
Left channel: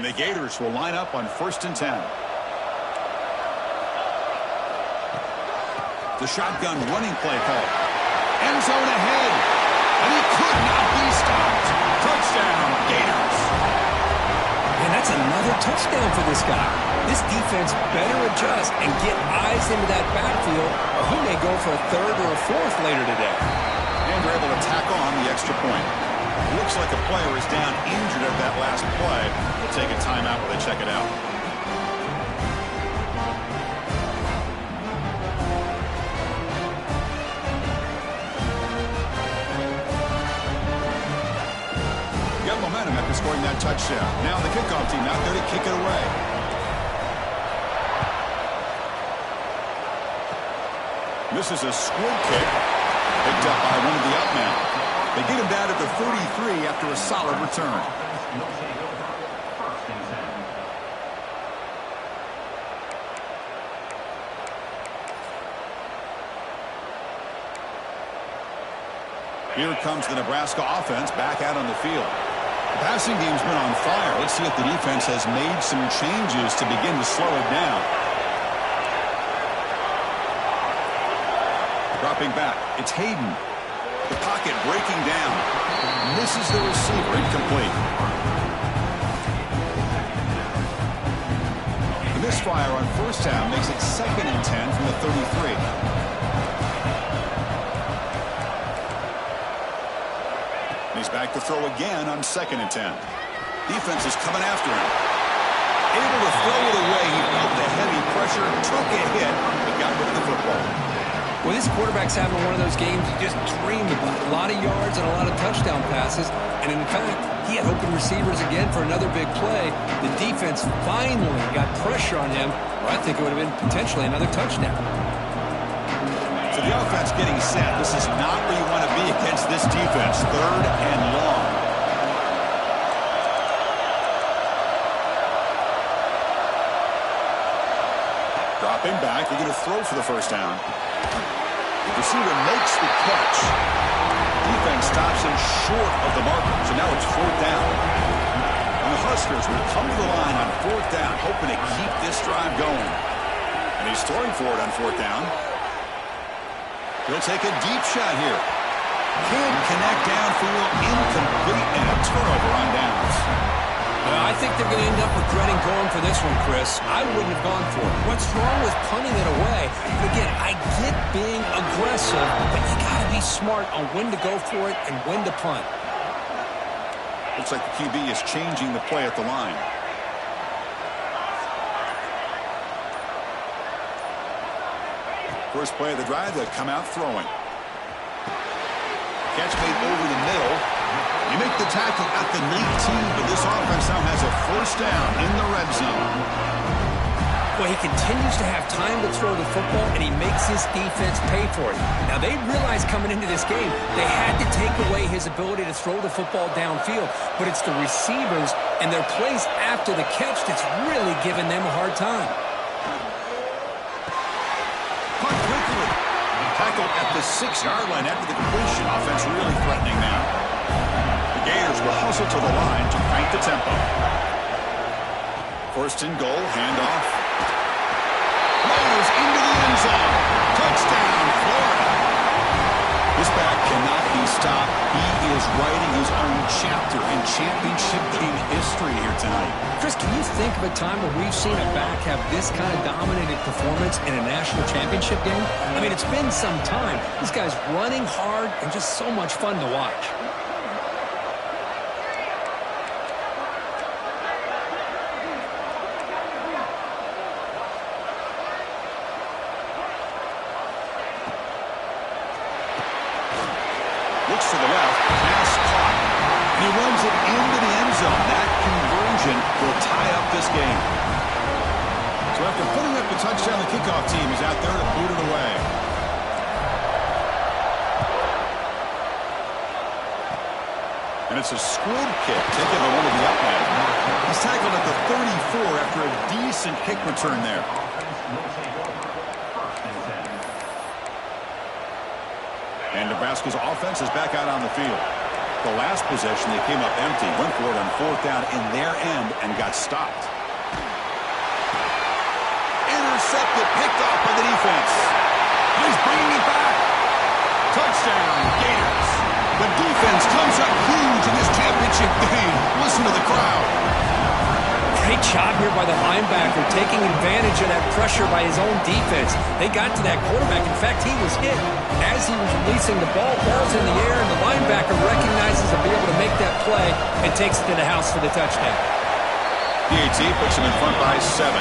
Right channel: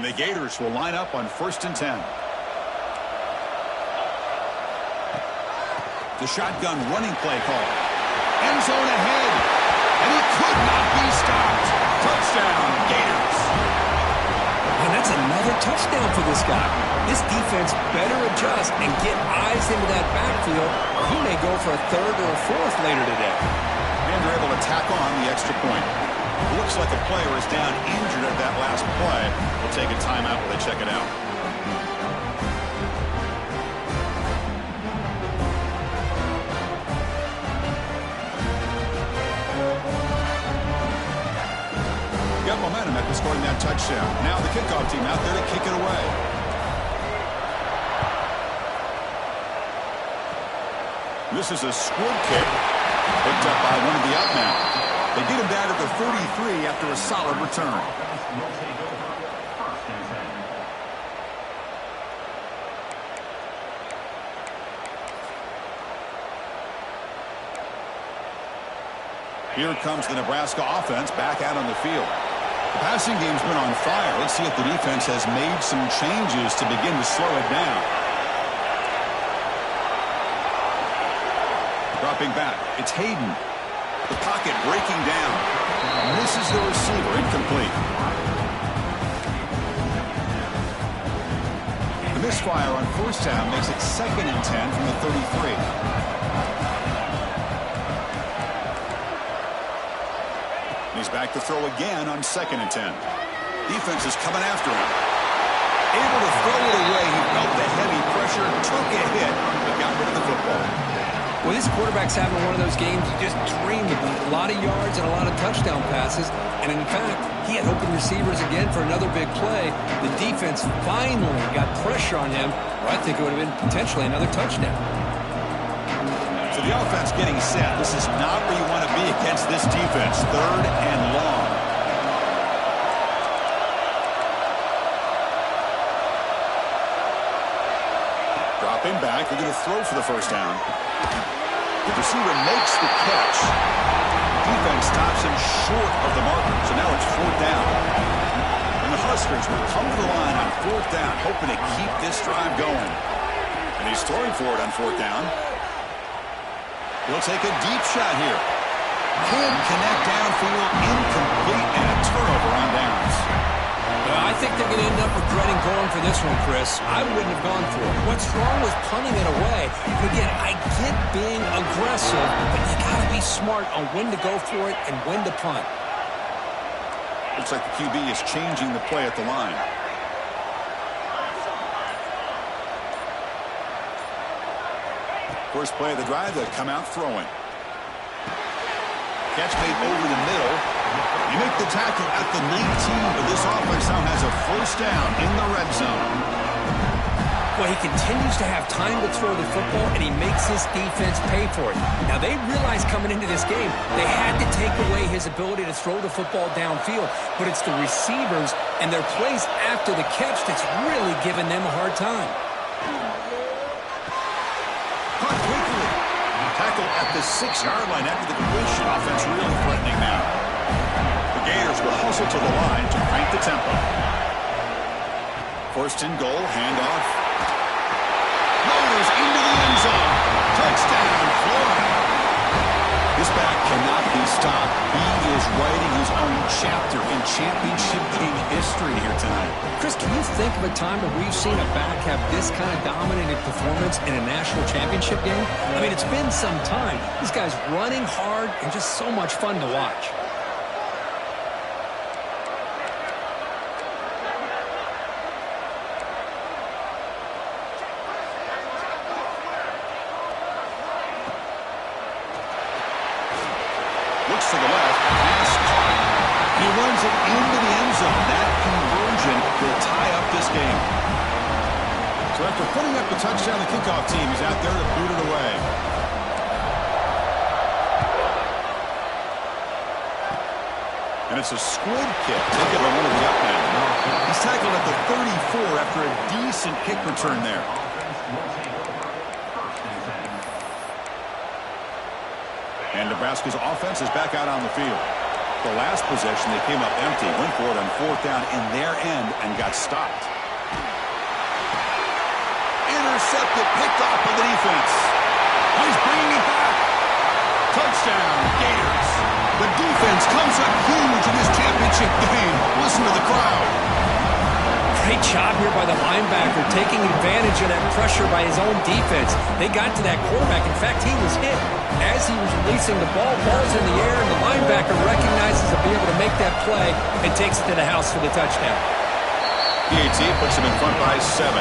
And the Gators will line up on 1st and 10. The shotgun running play call. End zone ahead. And he could not be stopped. Touchdown, Gators. And that's another touchdown for this guy. This defense better adjust and get eyes into that backfield, or he may go for a 3rd or a 4th later today. And they're able to tack on the extra point. Looks like a player is down injured at that last play. We'll take a timeout while they check it out. Got momentum after scoring that touchdown. Now the kickoff team out there to kick it away. This is a squib kick picked up by one of the up men. They get him down to the 33 after a solid return. Here comes the Nebraska offense back out on the field. The passing game's been on fire. Let's see if the defense has made some changes to begin to slow it down. Dropping back, it's Hayden. The pocket breaking down. Misses the receiver, incomplete. The misfire on 1st down makes it 2nd and 10 from the 33. He's back to throw again on 2nd and 10. Defense is coming after him. Able to throw it away. He felt the heavy pressure, took a hit, but got rid of the football. Well, this quarterback's having one of those games you just dream about. A lot of yards and a lot of touchdown passes. And in fact, he had open receivers again for another big play. The defense finally got pressure on him, or I think it would have been potentially another touchdown. So the offense getting set. This is not where you want to be against this defense. 3rd and long. Dropping back, looking to throw for the first down. The receiver makes the catch. Defense stops him short of the marker, so now it's 4th down. And the Huskers will come to the line on 4th down, hoping to keep this drive going. And he's throwing for it on 4th down. He'll take a deep shot here. Can't connect downfield, incomplete, and a turnover on downs. I think they're going to end up regretting going for this one, Chris. I wouldn't have gone for it. What's wrong with punting it away? But again, I get being aggressive, but you got to be smart on when to go for it and when to punt. Looks like the QB is changing the play at the line. First play of the drive, they come out throwing. Catch made over the middle. You make the tackle at the 19, but this offense now has a first down in the red zone. Well, he continues to have time to throw the football, and he makes his defense pay for it. Now, they realized coming into this game they had to take away his ability to throw the football downfield, but it's the receivers and their plays after the catch that's really giving them a hard time. Caught quickly. Tackle at the 6-yard line after the completion. Offense really threatening now. The Gators will hustle to the line to crank the tempo. First and goal, handoff. Motors into the end zone. Touchdown, Florida. This back cannot be stopped. He is writing his own chapter in championship game history here tonight. Chris, can you think of a time where we've seen a back have this kind of dominated performance in a national championship game? I mean, it's been some time. This guy's running hard and just so much fun to watch. Looks to the left, pass caught. And he runs it into the end zone. That conversion will tie up this game. So after putting up the touchdown, the kickoff team is out there to boot it away. And it's a squib kick taken by one of the upmen. He's tackled at the 34 after a decent kick return there. And Nebraska's offense is back out on the field. The last possession, they came up empty, went for it on 4th down in their end and got stopped. Intercepted, picked off by the defense. Oh, he's bringing it back. Touchdown, Gators. The defense comes up huge in this championship game. Listen to the crowd. Great job here by the linebacker, taking advantage of that pressure by his own defense. They got to that quarterback. In fact, he was hit as he was releasing the ball. Ball's in the air, and the linebacker recognizes to be able to make that play and takes it to the house for the touchdown. PAT puts him in front by 7.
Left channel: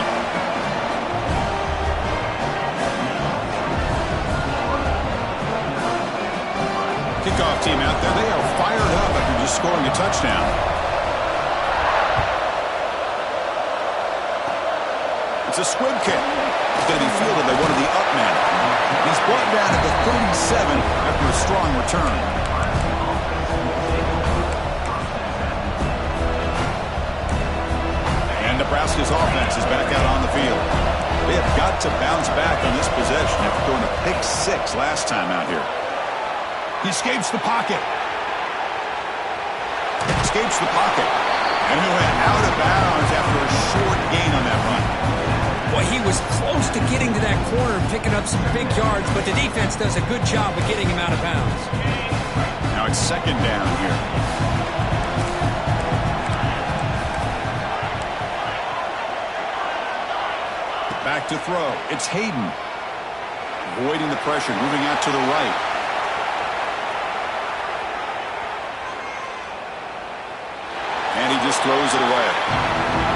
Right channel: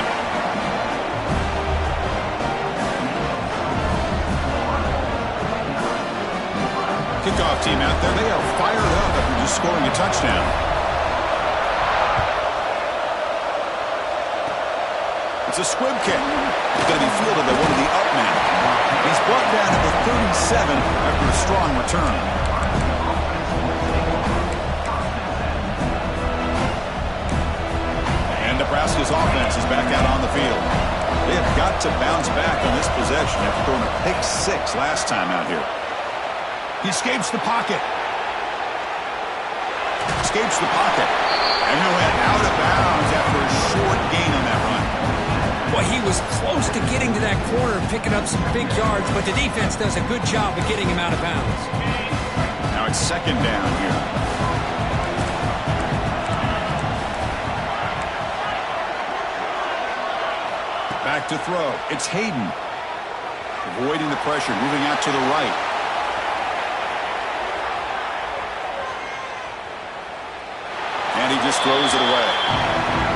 Kickoff team out there. They are fired up after just scoring a touchdown. It's a squib kick. It's going to be fielded by one of the upmen. He's brought down at the 37 after a strong return. And Nebraska's offense is back out on the field. They have got to bounce back on this possession after throwing a pick 6 last time out here. He escapes the pocket. Escapes the pocket. And he'll head out of bounds after a short gain on that run. Well, he was close to getting to that corner and picking up some big yards, but the defense does a good job of getting him out of bounds. Now it's 2nd down here. Back to throw. It's Hayden. Avoiding the pressure, moving out to the right. And he just throws it away.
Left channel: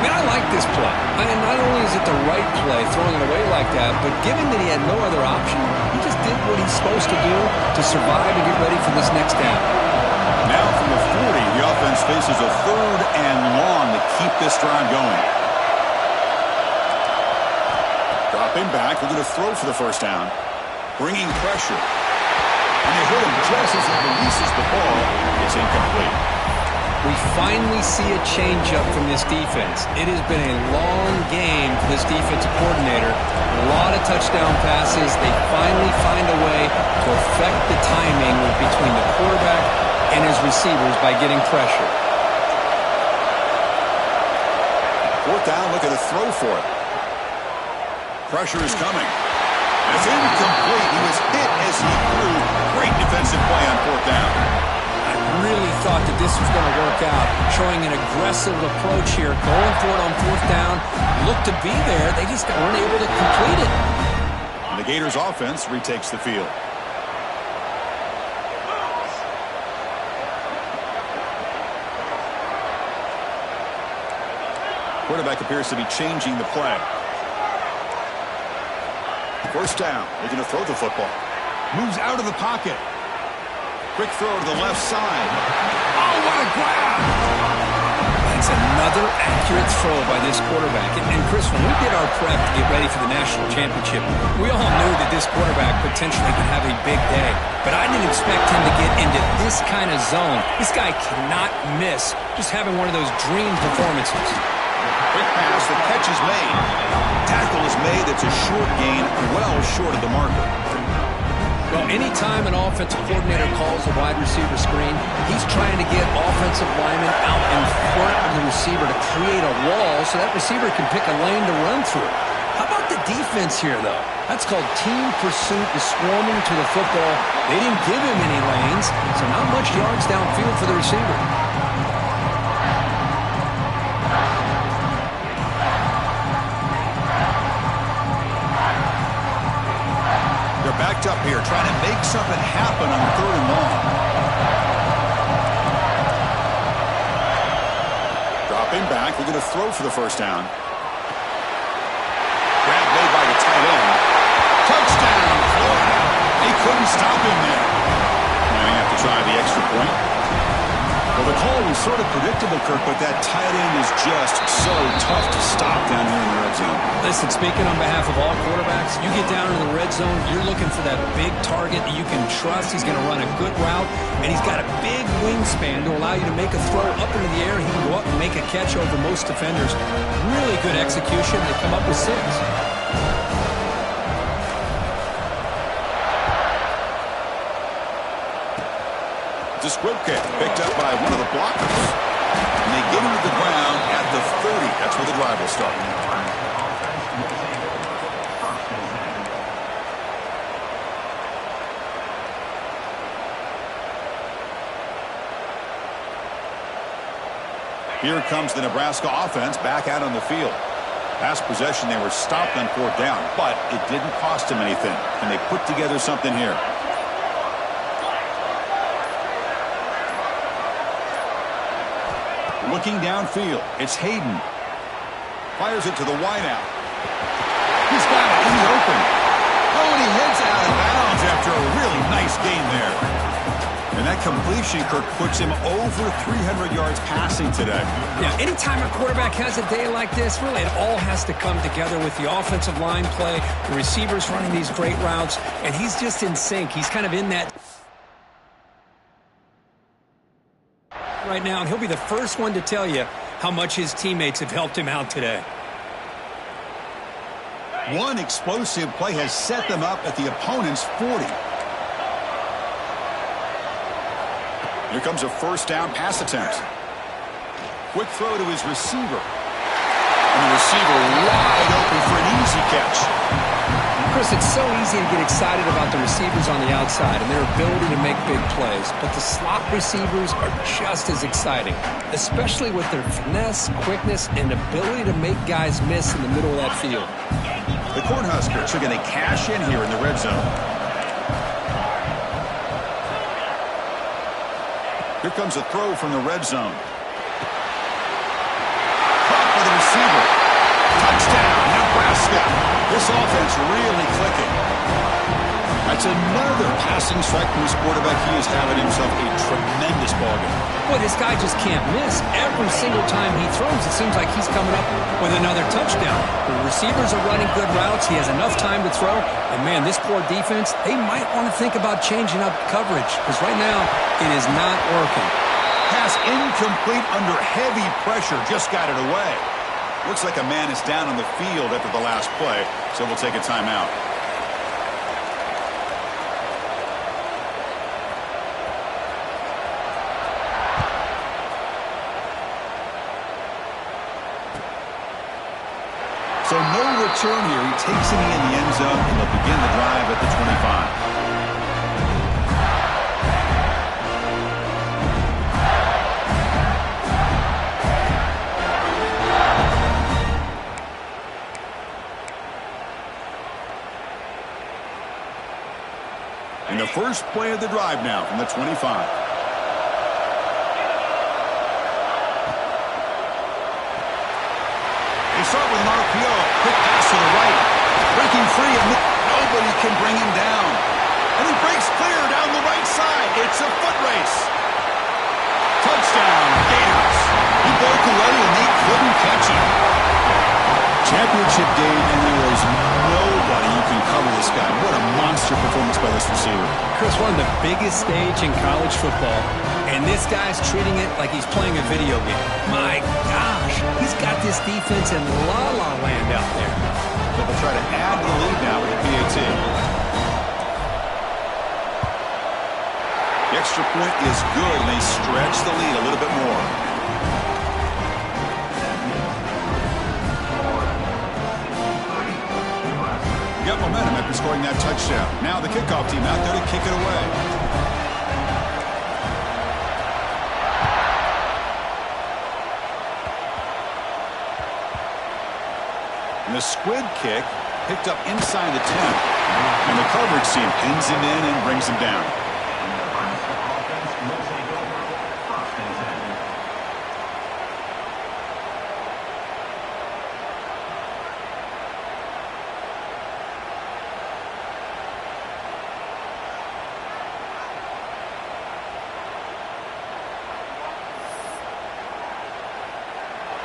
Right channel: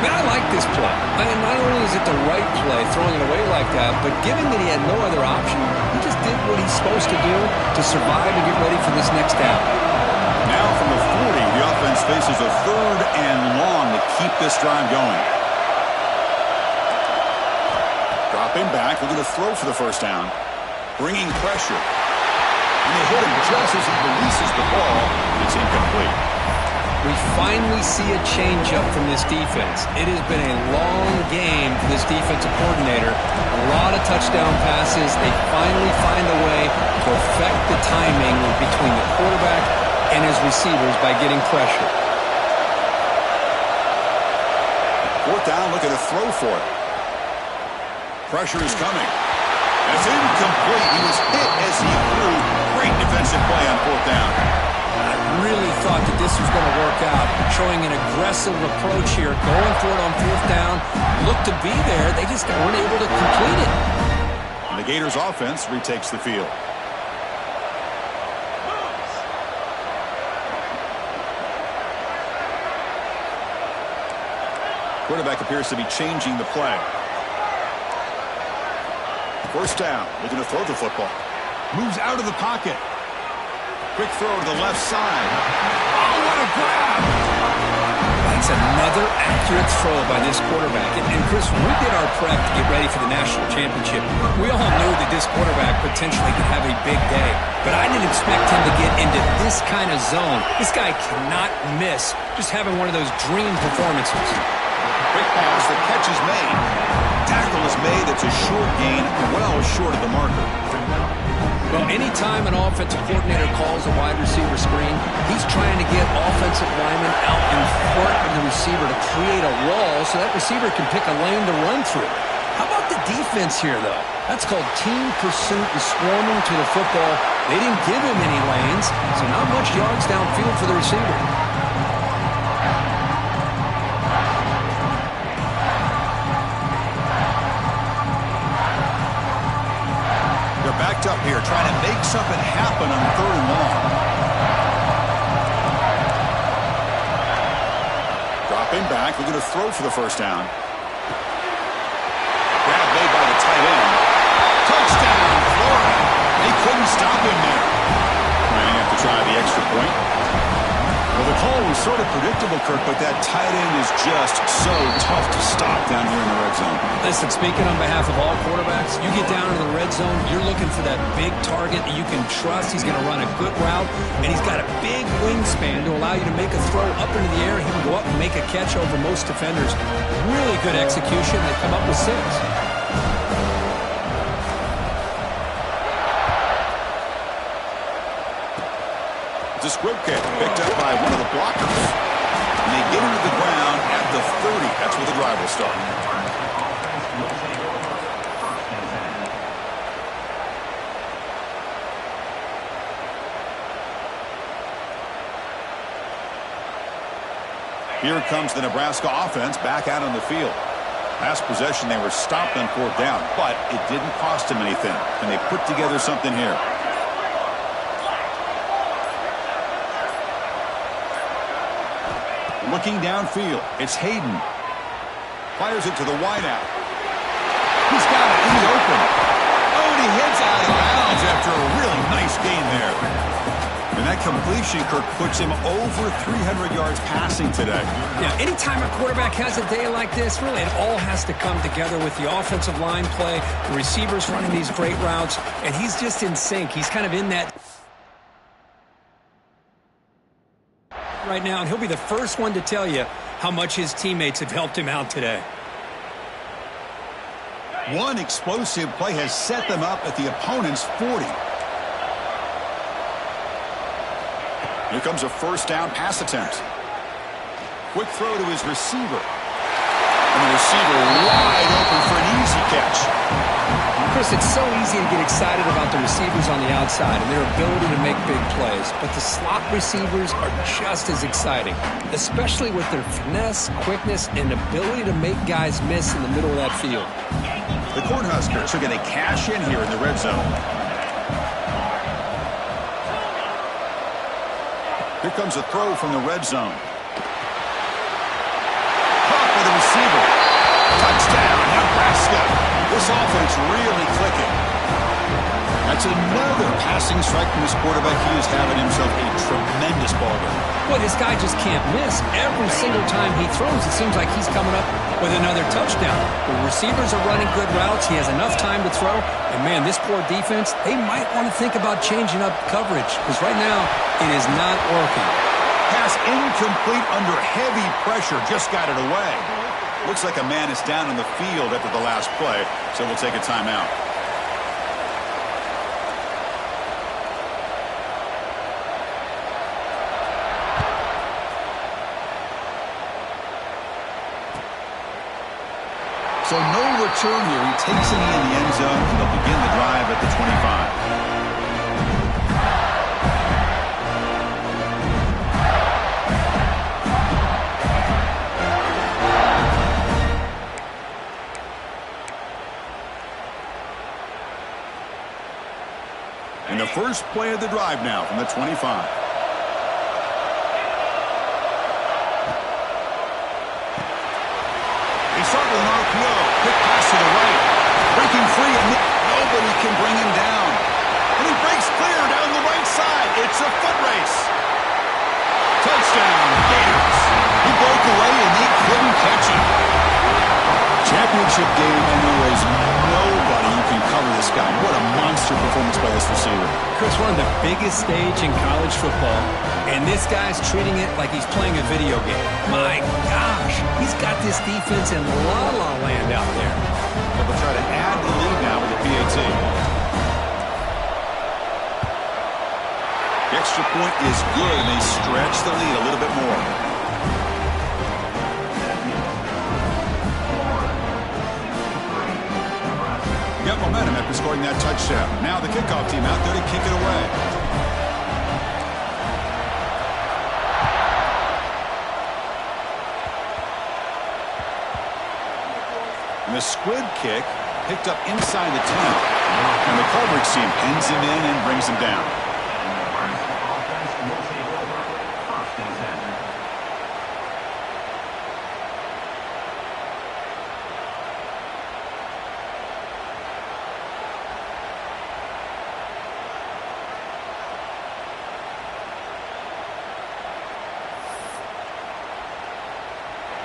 Man, I like this play. And not only is it the right play, throwing it away like that, but given that he had no other option, he just did what he's supposed to do to survive and get ready for this next down. Now from the 40, the offense faces a 3rd and long to keep this drive going. Dropping back, looking to throw for the first down. Bringing pressure. And they hit him just as he releases the ball. It's incomplete. We finally see a change-up from this defense. It has been a long game for this defensive coordinator. A lot of touchdown passes. They finally find a way to affect the timing between the quarterback and his receivers by getting pressure. Fourth down, looking to throw for it. Pressure is coming. And it's incomplete. He was hit as he threw. Great defensive play on fourth down. I really thought that this was going to work out, showing an aggressive approach here, going for it on fourth down. Looked to be there. They just weren't able to complete it. And the Gators offense retakes the field. Quarterback appears to be changing the play. First down, looking to throw the football. Moves out of the pocket. Quick throw to the left side. Oh, what a grab! That's another accurate throw by this quarterback. And Chris, when we did our prep to get ready for the national championship, we all knew that this quarterback potentially could have a big day. But I didn't expect him to get into this kind of zone. This guy cannot miss. Just having one of those dream performances. Quick pass, the catch is made. Tackle is made, that's a short gain, well short of the marker. Well, anytime an offensive coordinator calls a wide receiver screen, he's trying to get offensive linemen out in front of the receiver to create a wall so that receiver can pick a lane to run through. How about the defense here, though? That's called team pursuit and swarming to the football. They didn't give him any lanes, so not much yards downfield for the receiver. Backed up here, trying to make something happen on third and long. Dropping back, we're going to throw for the first down. Grab made by the tight end. Touchdown, Florida. They couldn't stop him there. Might have to try the extra point. Well, the call was sort of predictable, Kirk, but that tight end is just so tough to stop down here in the red zone. Listen, speaking on behalf of all quarterbacks, you get down in the red zone, you're looking for that big target that you can trust. He's going to run a good route, and he's got a big wingspan to allow you to make a throw up into the air. He can go up and make a catch over most defenders. Really good execution. They come up with 6. It's a squib kick picked up by one of the blockers. And they get him to the ground at the 30. That's where the drive will start. Here comes the Nebraska offense back out on the field. Last possession, they were stopped on fourth down, but it didn't cost them anything. And they put together something here. Looking downfield, it's Hayden. Fires it to the wideout. He's got it in the open. Oh, and he heads out of bounds after a really nice gain there. And that completion, Kirk, puts him over 300 yards passing today. Yeah, anytime a quarterback has a day like this, really it all has to come together with the offensive line play, the receivers running these great routes, and he's just in sync. He's kind of in that right now, and he'll be the first one to tell you how much his teammates have helped him out today. One explosive play has set them up at the opponent's 40. Here comes a first down pass attempt. Quick throw to his receiver. And the receiver wide open for an easy catch. Chris, it's so easy to get excited about the receivers on the outside and their ability to make big plays, but the slot receivers are just as exciting, especially with their finesse, quickness, and ability to make guys miss in the middle of that field. The Cornhuskers are going to cash in here in the red zone. Here comes a throw from the red zone. Caught by the receiver. Touchdown, Nebraska. This offense really clicking. That's another passing strike from his quarterback. He is having himself a tremendous ballgame. Boy, this guy just can't miss. Every single time he throws, it seems like he's coming up with another touchdown. The receivers are running good routes. He has enough time to throw. And, man, this poor defense, they might want to think about changing up coverage because right now it is not working. pass incomplete under heavy pressure. Just got it away. Looks like a man is down on the field after the last play, so we'll take a timeout. So no return here. He takes a knee in the end zone, and they'll begin the drive at the 25. And the first play of the drive now from the 25. They start with an RPO. Quick pass to the right. Breaking free, and nobody can bring him down. And he breaks clear down the right side. It's a foot race. Touchdown, Gators. He broke away, and they couldn't catch him. Championship game, and there is nobody who can cover this guy. What a monster performance by this receiver. Chris, one of the biggest stage in college football, and this guy's treating it like he's playing a video game. My gosh, he's got this defense in la-la land out there. But they'll try to add to the lead now with the PAT. The extra point is good, and they stretch the lead a little bit more. Got momentum after scoring that touchdown. Now the kickoff team out there to kick it away. And the squid kick picked up inside the 10. And the coverage team pins him in and brings him down.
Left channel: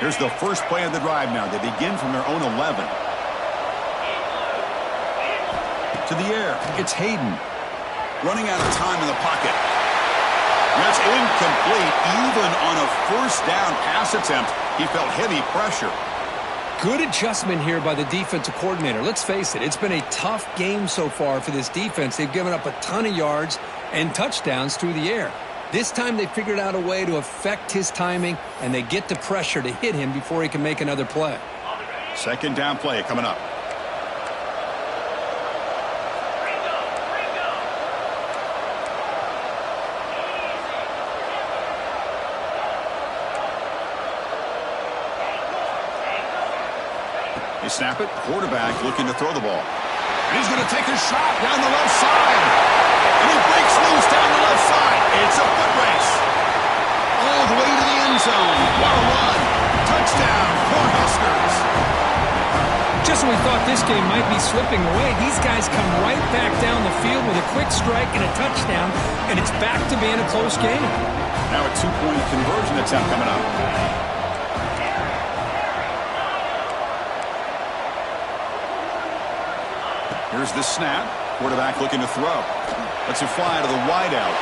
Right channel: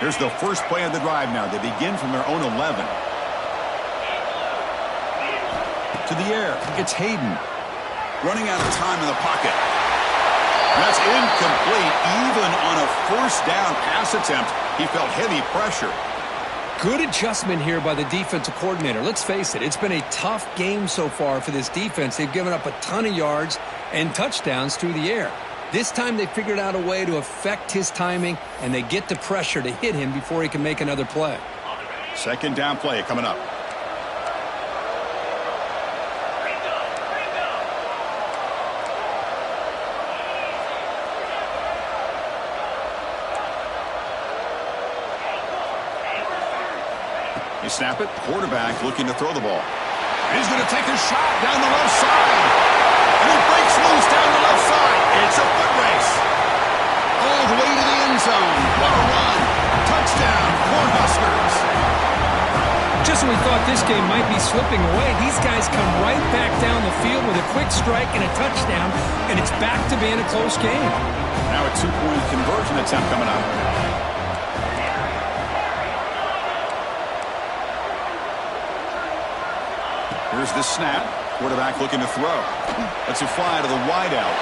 Here's the first play of the drive now. They begin from their own 11. To the air. It's Hayden. Running out of time in the pocket. That's incomplete. Even on a first down pass attempt, he felt heavy pressure. Good adjustment here by the defensive coordinator. Let's face it, it's been a tough game so far for this defense. They've given up a ton of yards and touchdowns through the air. This time they figured out a way to affect his timing, and they get the pressure to hit him before he can make another play. Second down play coming up. They snap it. Quarterback looking to throw the ball. And he's going to take a shot down the left side. And he breaks loose down the left side. It's a foot race. All the way to the end zone. What a run. Touchdown, Cornhuskers. Just when we thought this game might be slipping away, these guys come right back down the field with a quick strike and a touchdown, and it's back to being a close game. Now a two-point conversion attempt coming up. Here's the snap. Quarterback looking to throw. Lets it fly to the wideout.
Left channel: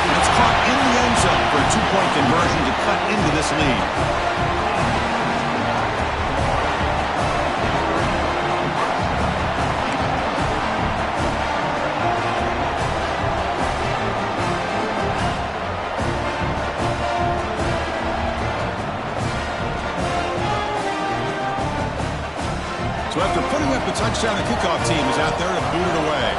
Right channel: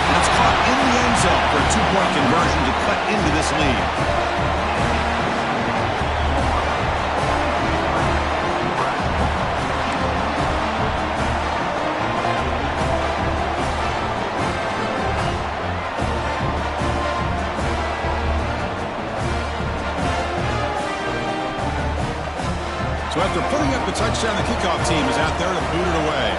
And it's caught in the end zone for a two-point conversion to cut into this lead. So after putting up the touchdown, the kickoff team is out there to boot it away.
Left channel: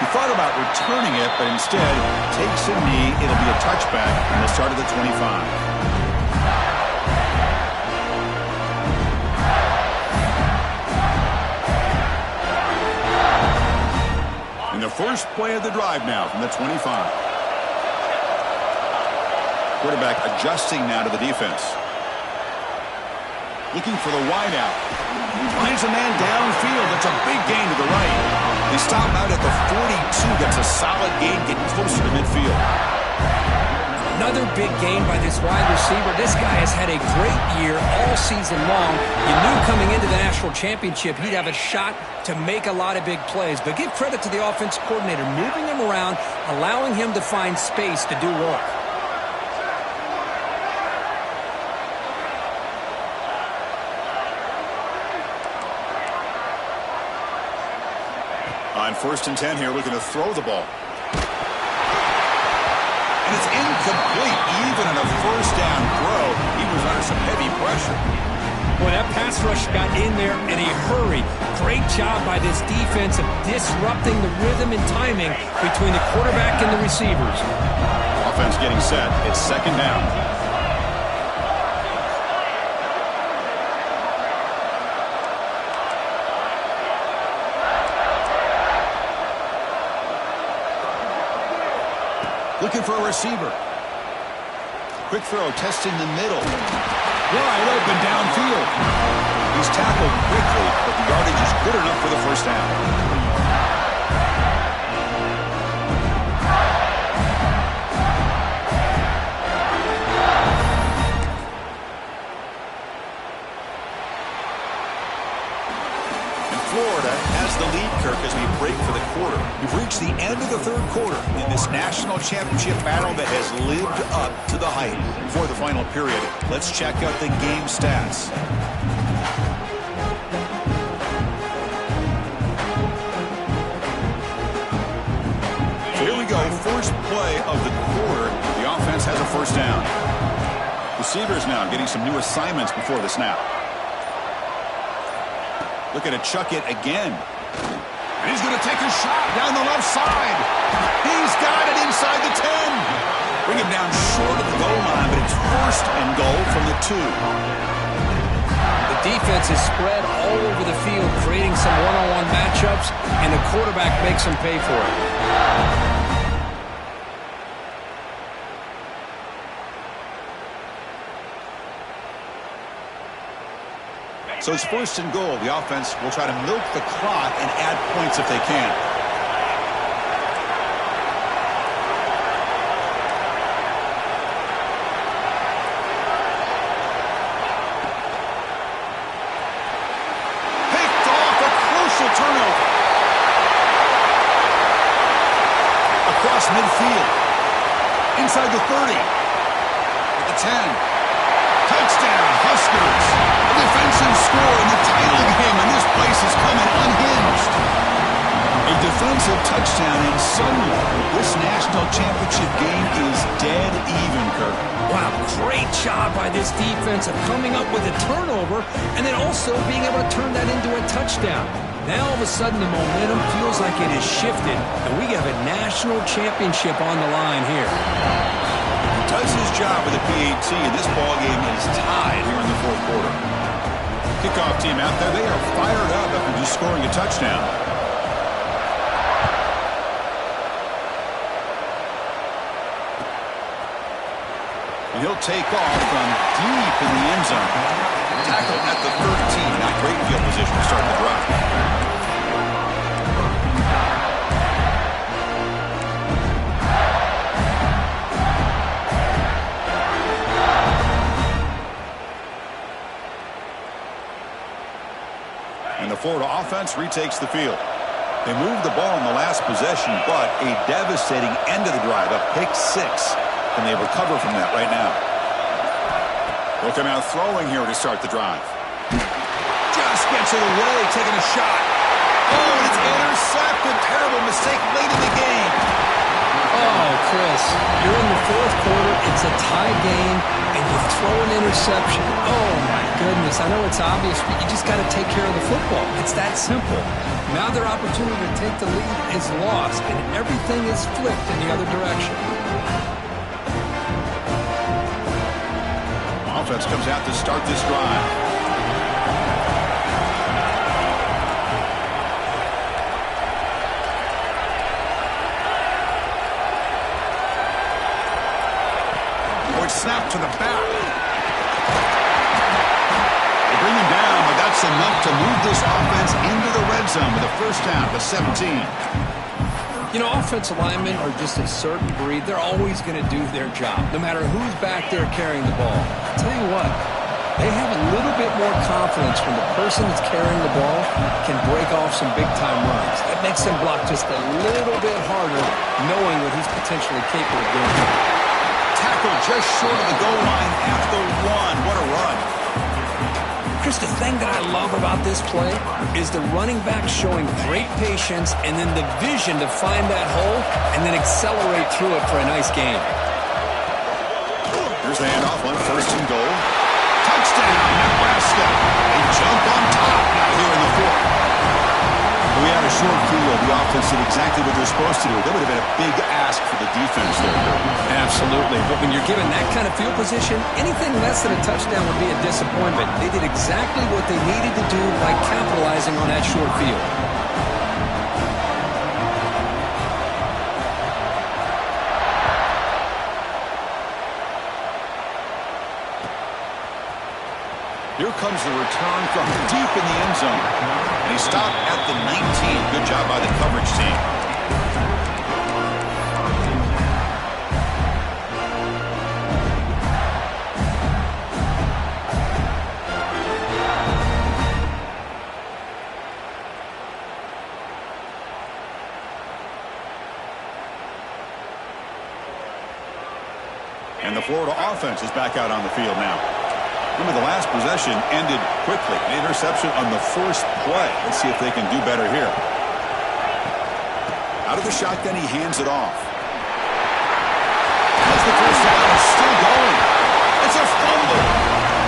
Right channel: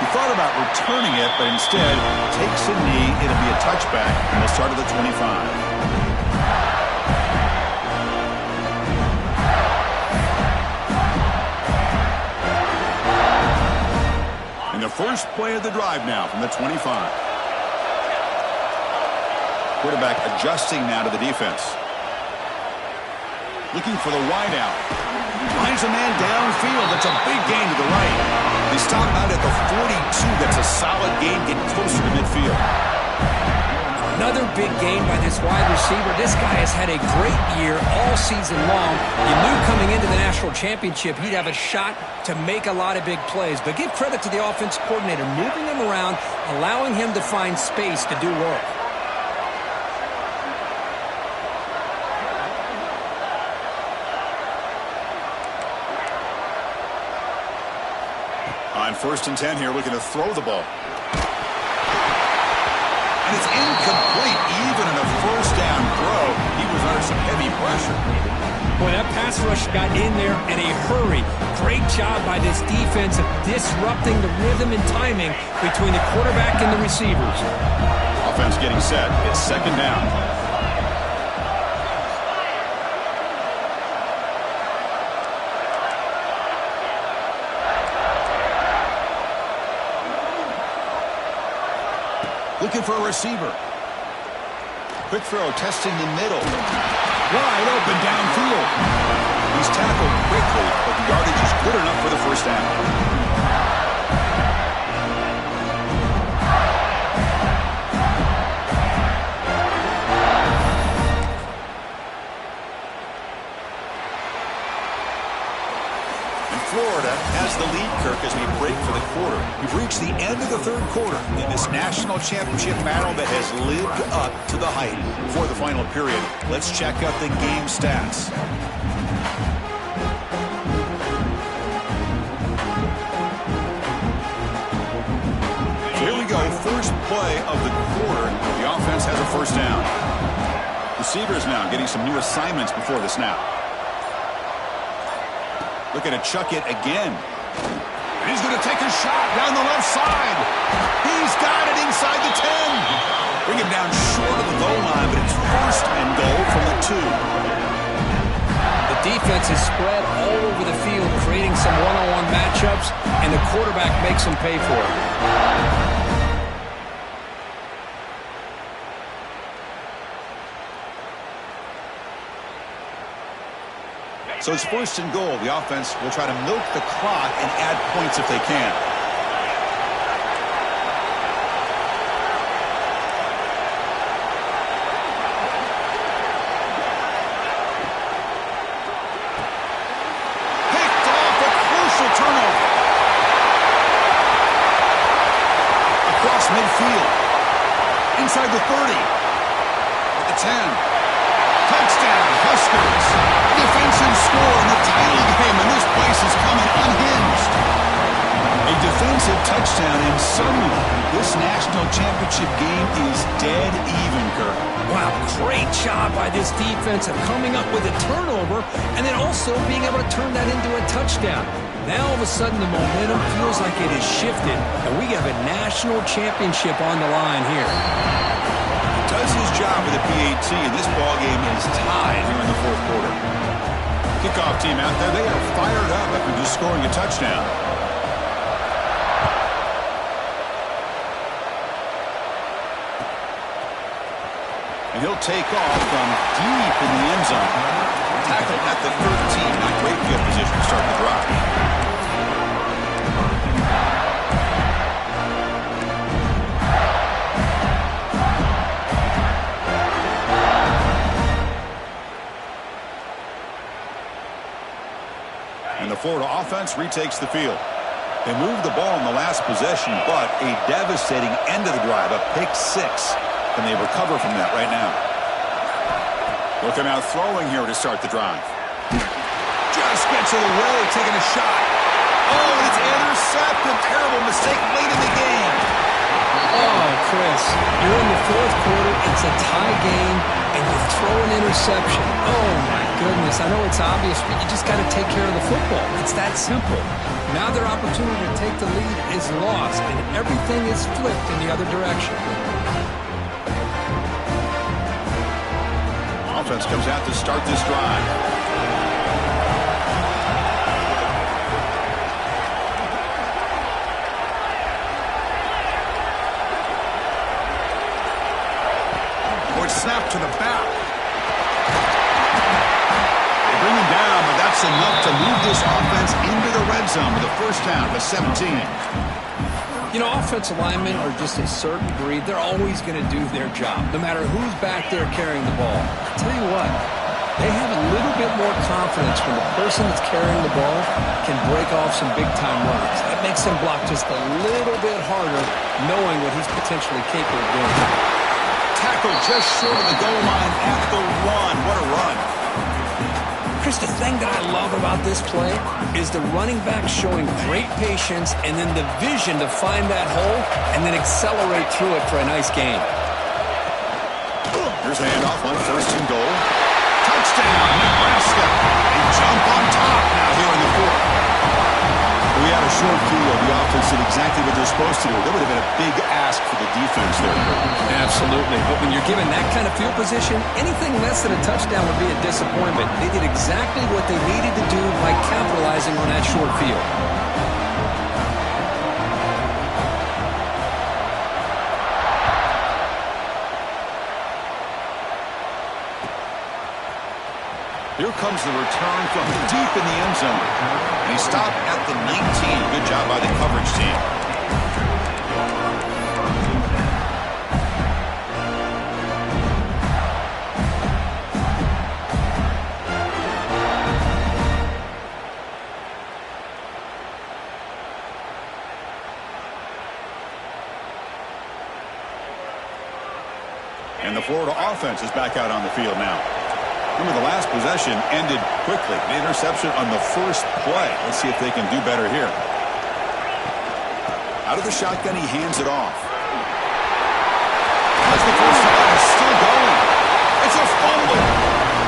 He thought about returning it, but instead takes a knee. It'll be a touchback, and they'll start at the 25. And the first play of the drive now from the 25. Quarterback adjusting now to the defense. Looking for the wideout. Finds a man downfield. That's a big gain to the right. They stop out at the 42. That's a solid gain, getting closer to midfield. Another big gain by this wide receiver. This guy has had a great year all season long. You knew coming into the national championship he'd have a shot to make a lot of big plays. But give credit to the offense coordinator, moving him around, allowing him to find space to do work. On 1st and 10 here, looking to throw the ball. And it's incomplete. Even in a first down throw, he was under some heavy pressure. Boy, that pass rush got in there in a hurry. Great job by this defense of disrupting the rhythm and timing between the quarterback and the receivers. Offense getting set. It's 2nd down. Looking for a receiver. Quick throw, testing the middle. Wide open downfield. He's tackled quickly, but the yardage is good enough for the first down. Florida has the lead, Kirk, as we break for the quarter. We've reached the end of the 3rd quarter in this national championship battle that has lived up to the hype. Before the final period, let's check out the game stats. So here we go, first play of the quarter. The offense has a first down. Receivers now getting some new assignments before the snap. Looking to chuck it again. And he's going to take a shot down the left side. He's got it inside the 10. Bring him down short of the goal line, but it's 1st and goal from the 2. The defense is spread all over the field, creating some one-on-one matchups, and the quarterback makes them pay for it. So it's 1st and goal. The offense will try to milk the clock and add points if they can. Picked off, a crucial turnover. Across midfield. Inside the 30. At the 10. Touchdown, Huskers. A defensive score in the title game, and this place is coming unhinged. A defensive touchdown, and suddenly this national championship game is dead even, Kirk. Wow, great job by this defense of coming up with a turnover and then also being able to turn that into a touchdown. Now all of a sudden the momentum feels like it has shifted, and we have a national championship on the line here. Does his job with the PAT, and this ball game is tied here in the 4th quarter. Kickoff team out there, they are fired up after just scoring a touchdown. And he'll take off from deep in the end zone. Tackled at the 13, not great field position to start the drive. And the Florida offense retakes the field. They moved the ball in the last possession, but a devastating end of the drive, a pick 6. And they recover from that right now. They'll come out throwing here to start the drive. Just gets it away, taking a shot. Oh, and it's intercepted. Terrible mistake late in the game. Oh, Chris, you're in the 4th quarter. It's a tie game, and you throw an interception. Oh, my goodness. I know it's obvious, but you just got to take care of the football. It's that simple. Now their opportunity to take the lead is lost, and everything is flipped in the other direction. Offense comes out to start this drive. Snap to the back. They bring him down, but that's enough to move this offense into the red zone with a first down to 17. You know, offensive linemen are just a certain breed. They're always going to do their job, no matter who's back there carrying the ball. I'll tell you what, they have a little bit more confidence when the person that's carrying the ball can break off some big-time runs. That makes him block just a little bit harder, knowing what he's potentially capable of doing. Tackle just short of the goal line at the 1. What a run. Chris, the thing that I love about this play is the running back showing great patience and then the vision to find that hole and then accelerate through it for a nice gain. Here's a handoff on 1st and goal. Touchdown, Nebraska. They jump on top now here in the 4th. We had a short field. The offense did exactly what they're supposed to do. That would have been a big ask for the defense there, Kirk. Absolutely. But when you're given that kind of field position, anything less than a touchdown would be a disappointment. They did exactly what they needed to do by capitalizing on that short field. Here comes the return from deep in the end zone. And he stopped at the 19. Good job by the coverage team. And the Florida offense is back out on the field now. Remember, the last possession ended quickly. An interception on the first play. Let's see if they can do better here. Out of the shotgun, he hands it off. As the first down is still going. It's a fumble.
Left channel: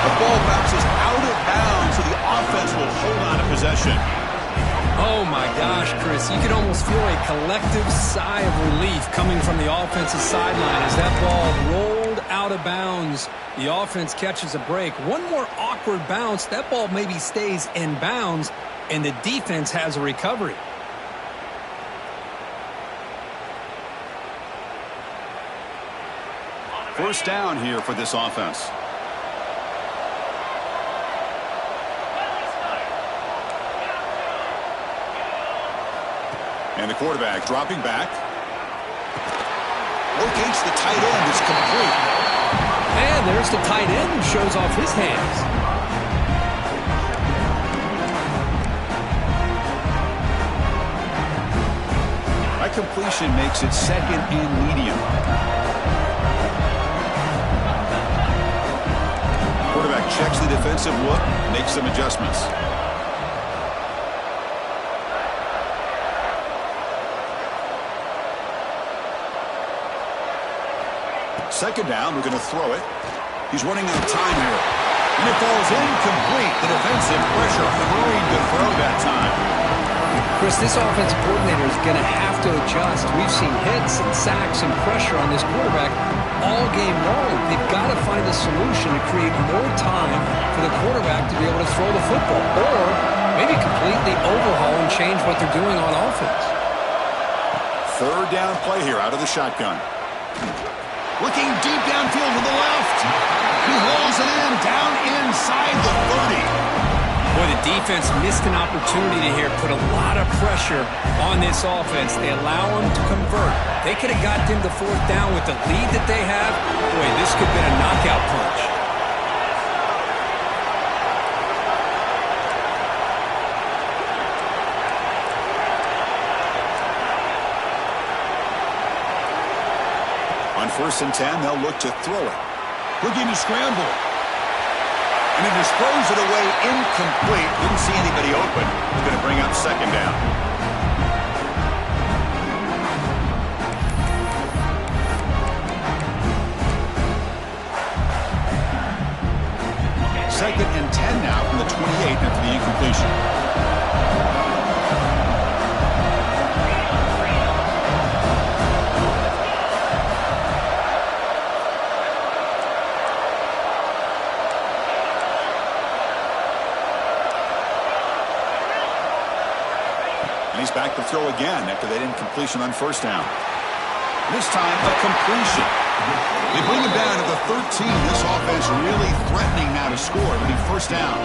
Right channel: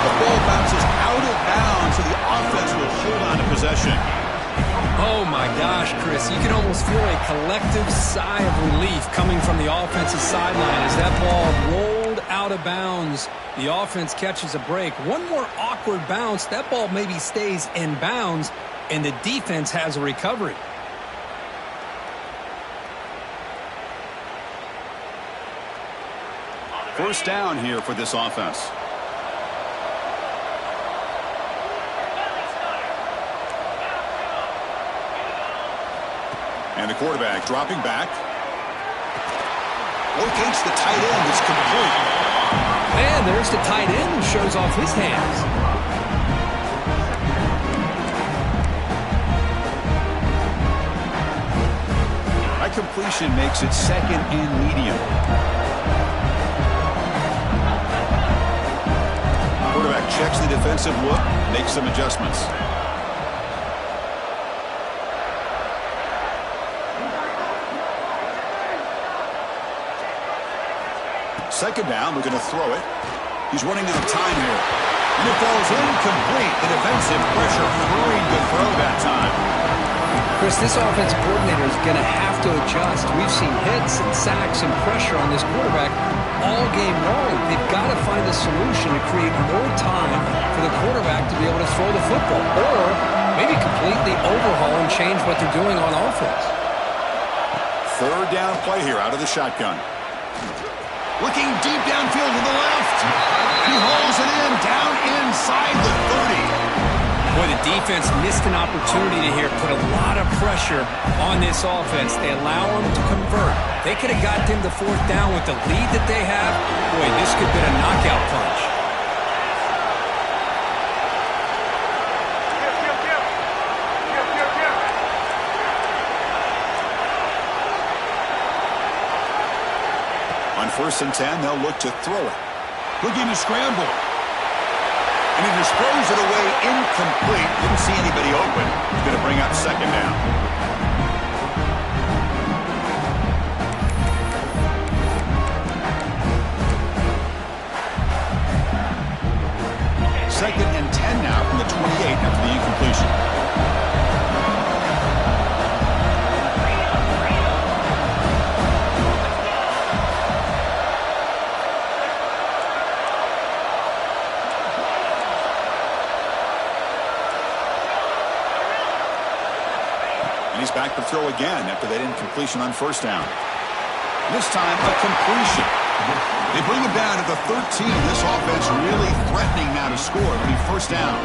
The ball bounces out of bounds, so the offense will hold on to possession. Oh, my gosh, Chris. You can almost feel a collective sigh of relief coming from the offensive sideline as that ball rolled out of bounds. The offense catches a break. One more awkward bounce. That ball maybe stays in bounds, and the defense has a recovery. First down here for this offense. And the quarterback dropping back. Locates the tight end. It's complete. And there's the tight end who shows off his hands. That completion makes it 2nd and medium. Quarterback checks the defensive look, makes some adjustments. Second down, we're going to throw it. He's running out of time here. And it falls incomplete. The defensive pressure hurried to throw that time. Chris, this offensive coordinator is going to have to adjust. We've seen hits and sacks and pressure on this quarterback all game long. They've got to find a solution to create more time for the quarterback to be able to throw the football. Or maybe completely overhaul and change what they're doing on offense. Third down play here out of the shotgun. Looking deep downfield to the left. He hauls it in down inside the 30. Boy, the defense missed an opportunity to here put a lot of pressure on this offense. They allow them to convert. They could have got them to 4th down with the lead that they have. Boy, this could have been a knockout punch. On 1st and 10, they'll look to throw it. Looking to scramble. And he just throws it away incomplete. Didn't see anybody open. He's going to bring up 2nd down. Second and 10 now from the 28 after the incompletion. He's back to throw again after that incompletion on 1st down. This time, a completion. They bring him down at the 13. This offense really threatening now to score. It'll be 1st down.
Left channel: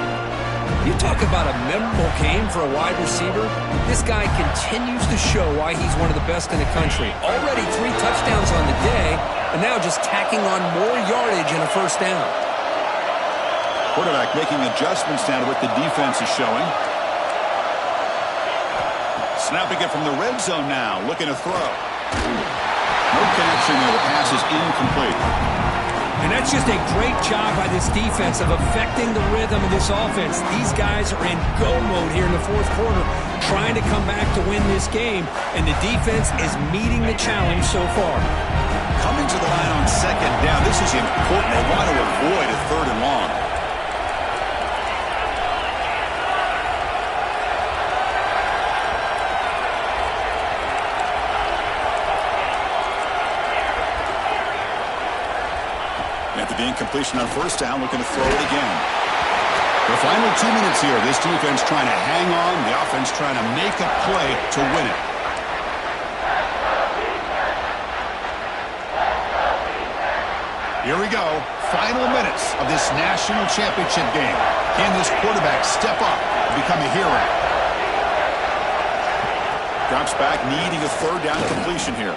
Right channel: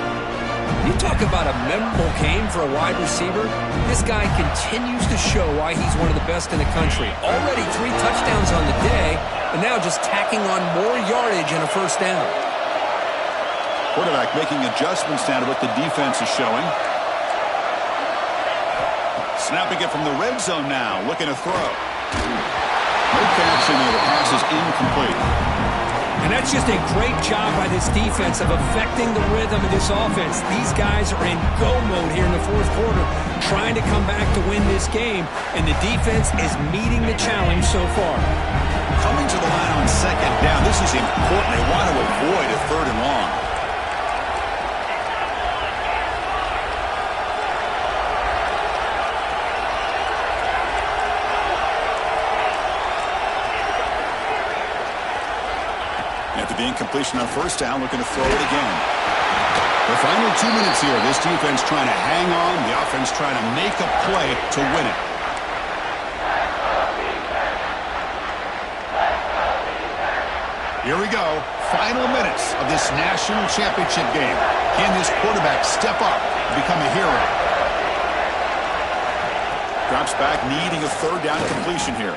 You talk about a memorable game for a wide receiver. This guy continues to show why he's one of the best in the country. Already 3 touchdowns on the day, and now just tacking on more yardage and a first down. Quarterback making adjustments now to what the defense is showing. Snapping it from the red zone now, looking to throw. No connection there. The pass is incomplete. And that's just a great job by this defense of affecting the rhythm of this offense. These guys are in go mode here in the fourth quarter, trying to come back to win this game, and the defense is meeting the challenge so far. Coming to the line on second down, this is important. They want to avoid a 3rd and long. After the incompletion on first down, looking to throw it again. The final 2 minutes here. This defense trying to hang on. The offense trying to make a play to win it. Here we go. Final minutes of this national championship game. Can this quarterback step up and become a hero? Drops back, needing a 3rd down completion here.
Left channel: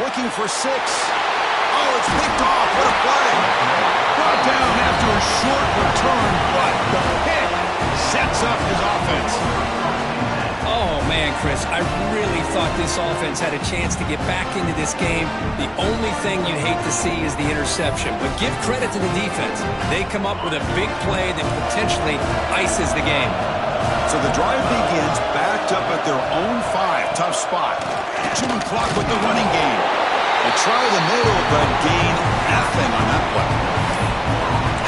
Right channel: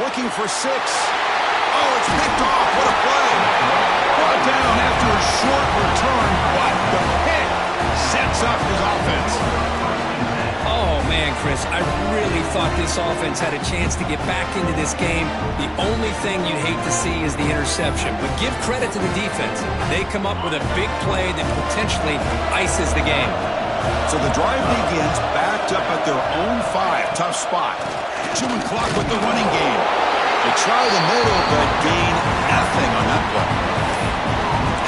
Looking for 6. Oh, it's picked off. What a play. Brought down after a short return, but the pick sets up his offense. Oh, man, Chris, I really thought this offense had a chance to get back into this game. The only thing you'd hate to see is the interception. But give credit to the defense. They come up with a big play that potentially ices the game. So the drive begins backed up at their own 5. Tough spot. Chewing clock with the running game. They try the middle, but gain nothing on that play.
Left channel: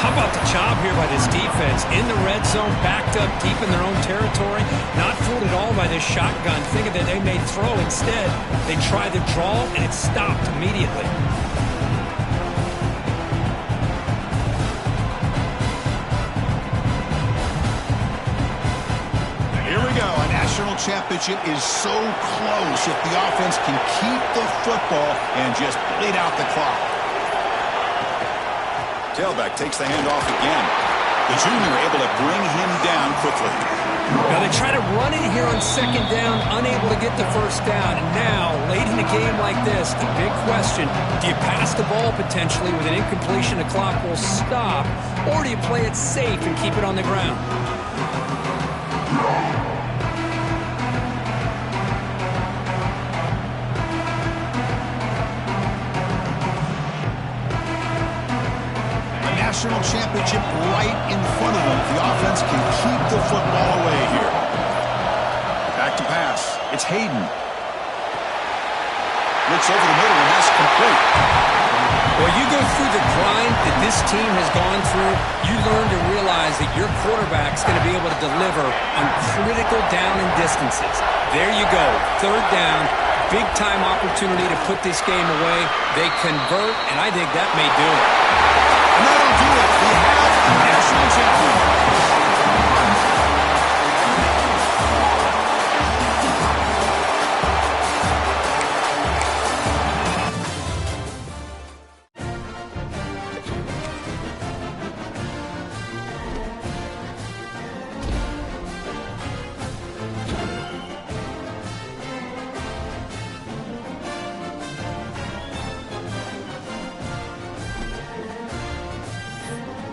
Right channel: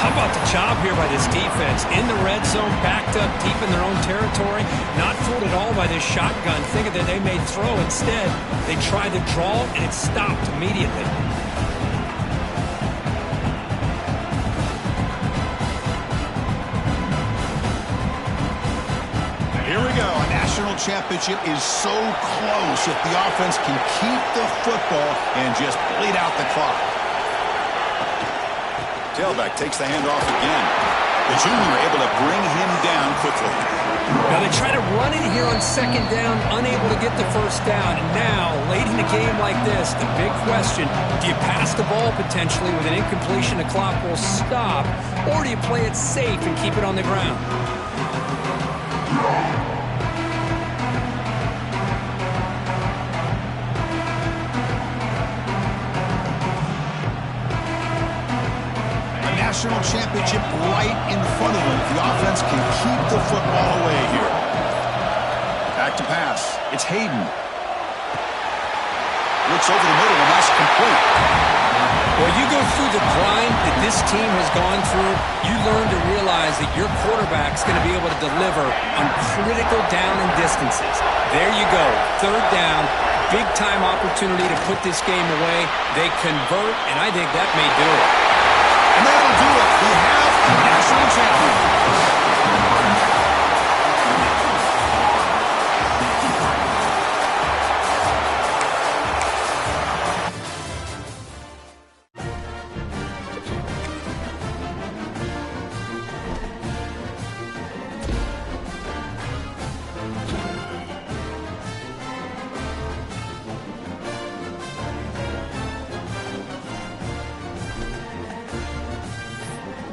How about the job here by this defense? In the red zone, backed up deep in their own territory, not fooled at all by this shotgun, thinking that they may throw. Instead, they tried to draw, and it stopped immediately. Here we go. A national championship is so close if the offense can keep the football and just bleed out the clock. Tailback takes the handoff again. The junior able to bring him down quickly. Now they try to run it here on second down, unable to get the first down. And now, late in a game like this, the big question, do you pass the ball potentially with an incompletion, the clock will stop, or do you play it safe and keep it on the ground? National championship right in front of them. The offense can keep the football away here. Back to pass. It's Hayden. Looks over the middle, and that's complete. Well, you go through the grind that this team has gone through, you learn to realize that your quarterback's going to be able to deliver on critical down and distances. There you go. 3rd down. Big-time opportunity to put this game away. They convert, and I think that may do it.